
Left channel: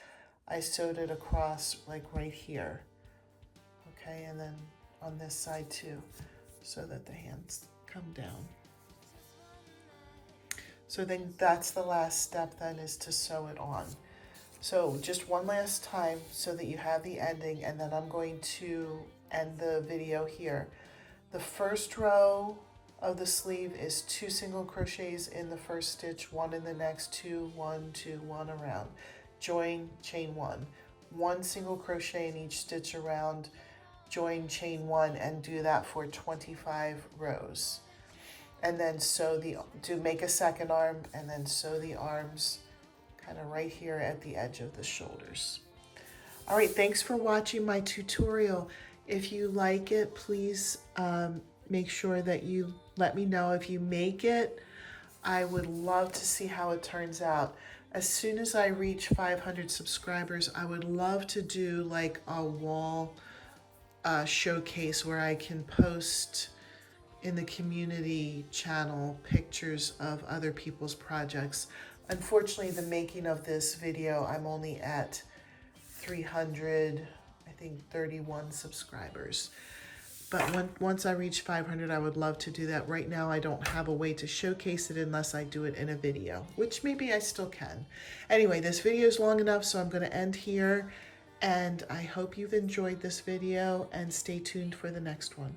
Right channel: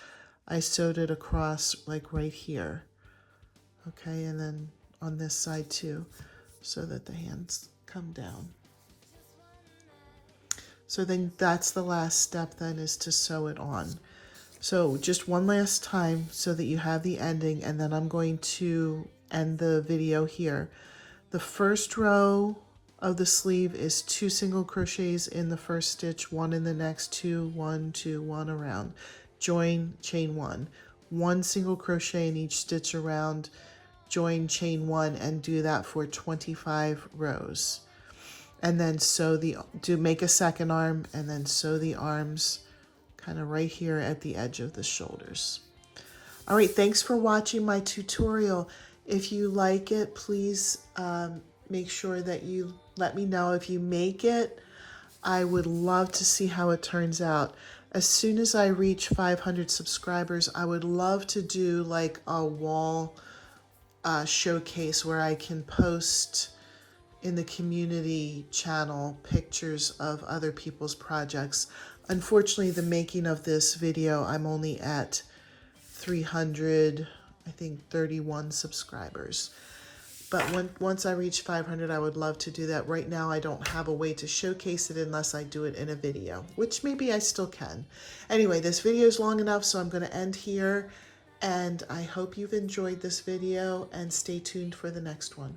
I sewed it across like right here. Okay, and then on this side too, so that the hands come down. So then that's the last step then, is to sew it on. So just one last time so that you have the ending, and then I'm going to end the video here. The first row of the sleeve is 2 single crochets in the first stitch, 1 in the next, 2, 1, 2, 1 around. Join, chain 1. 1 single crochet in each stitch around, join, chain 1, and do that for 25 rows. And then sew make a second arm, and then sew the arms kind of right here at the edge of the shoulders. All right, thanks for watching my tutorial. If you like it, please make sure that you let me know if you make it. I would love to see how it turns out. As soon as I reach 500 subscribers, I would love to do like a wall showcase where I can post in the community channel pictures of other people's projects. Unfortunately, the making of this video, I'm only at 300, I think 31 subscribers. But once I reach 500, I would love to do that. Right now, I don't have a way to showcase it unless I do it in a video, which maybe I still can. Anyway, this video is long enough, so I'm going to end here. And I hope you've enjoyed this video, and stay tuned for the next one.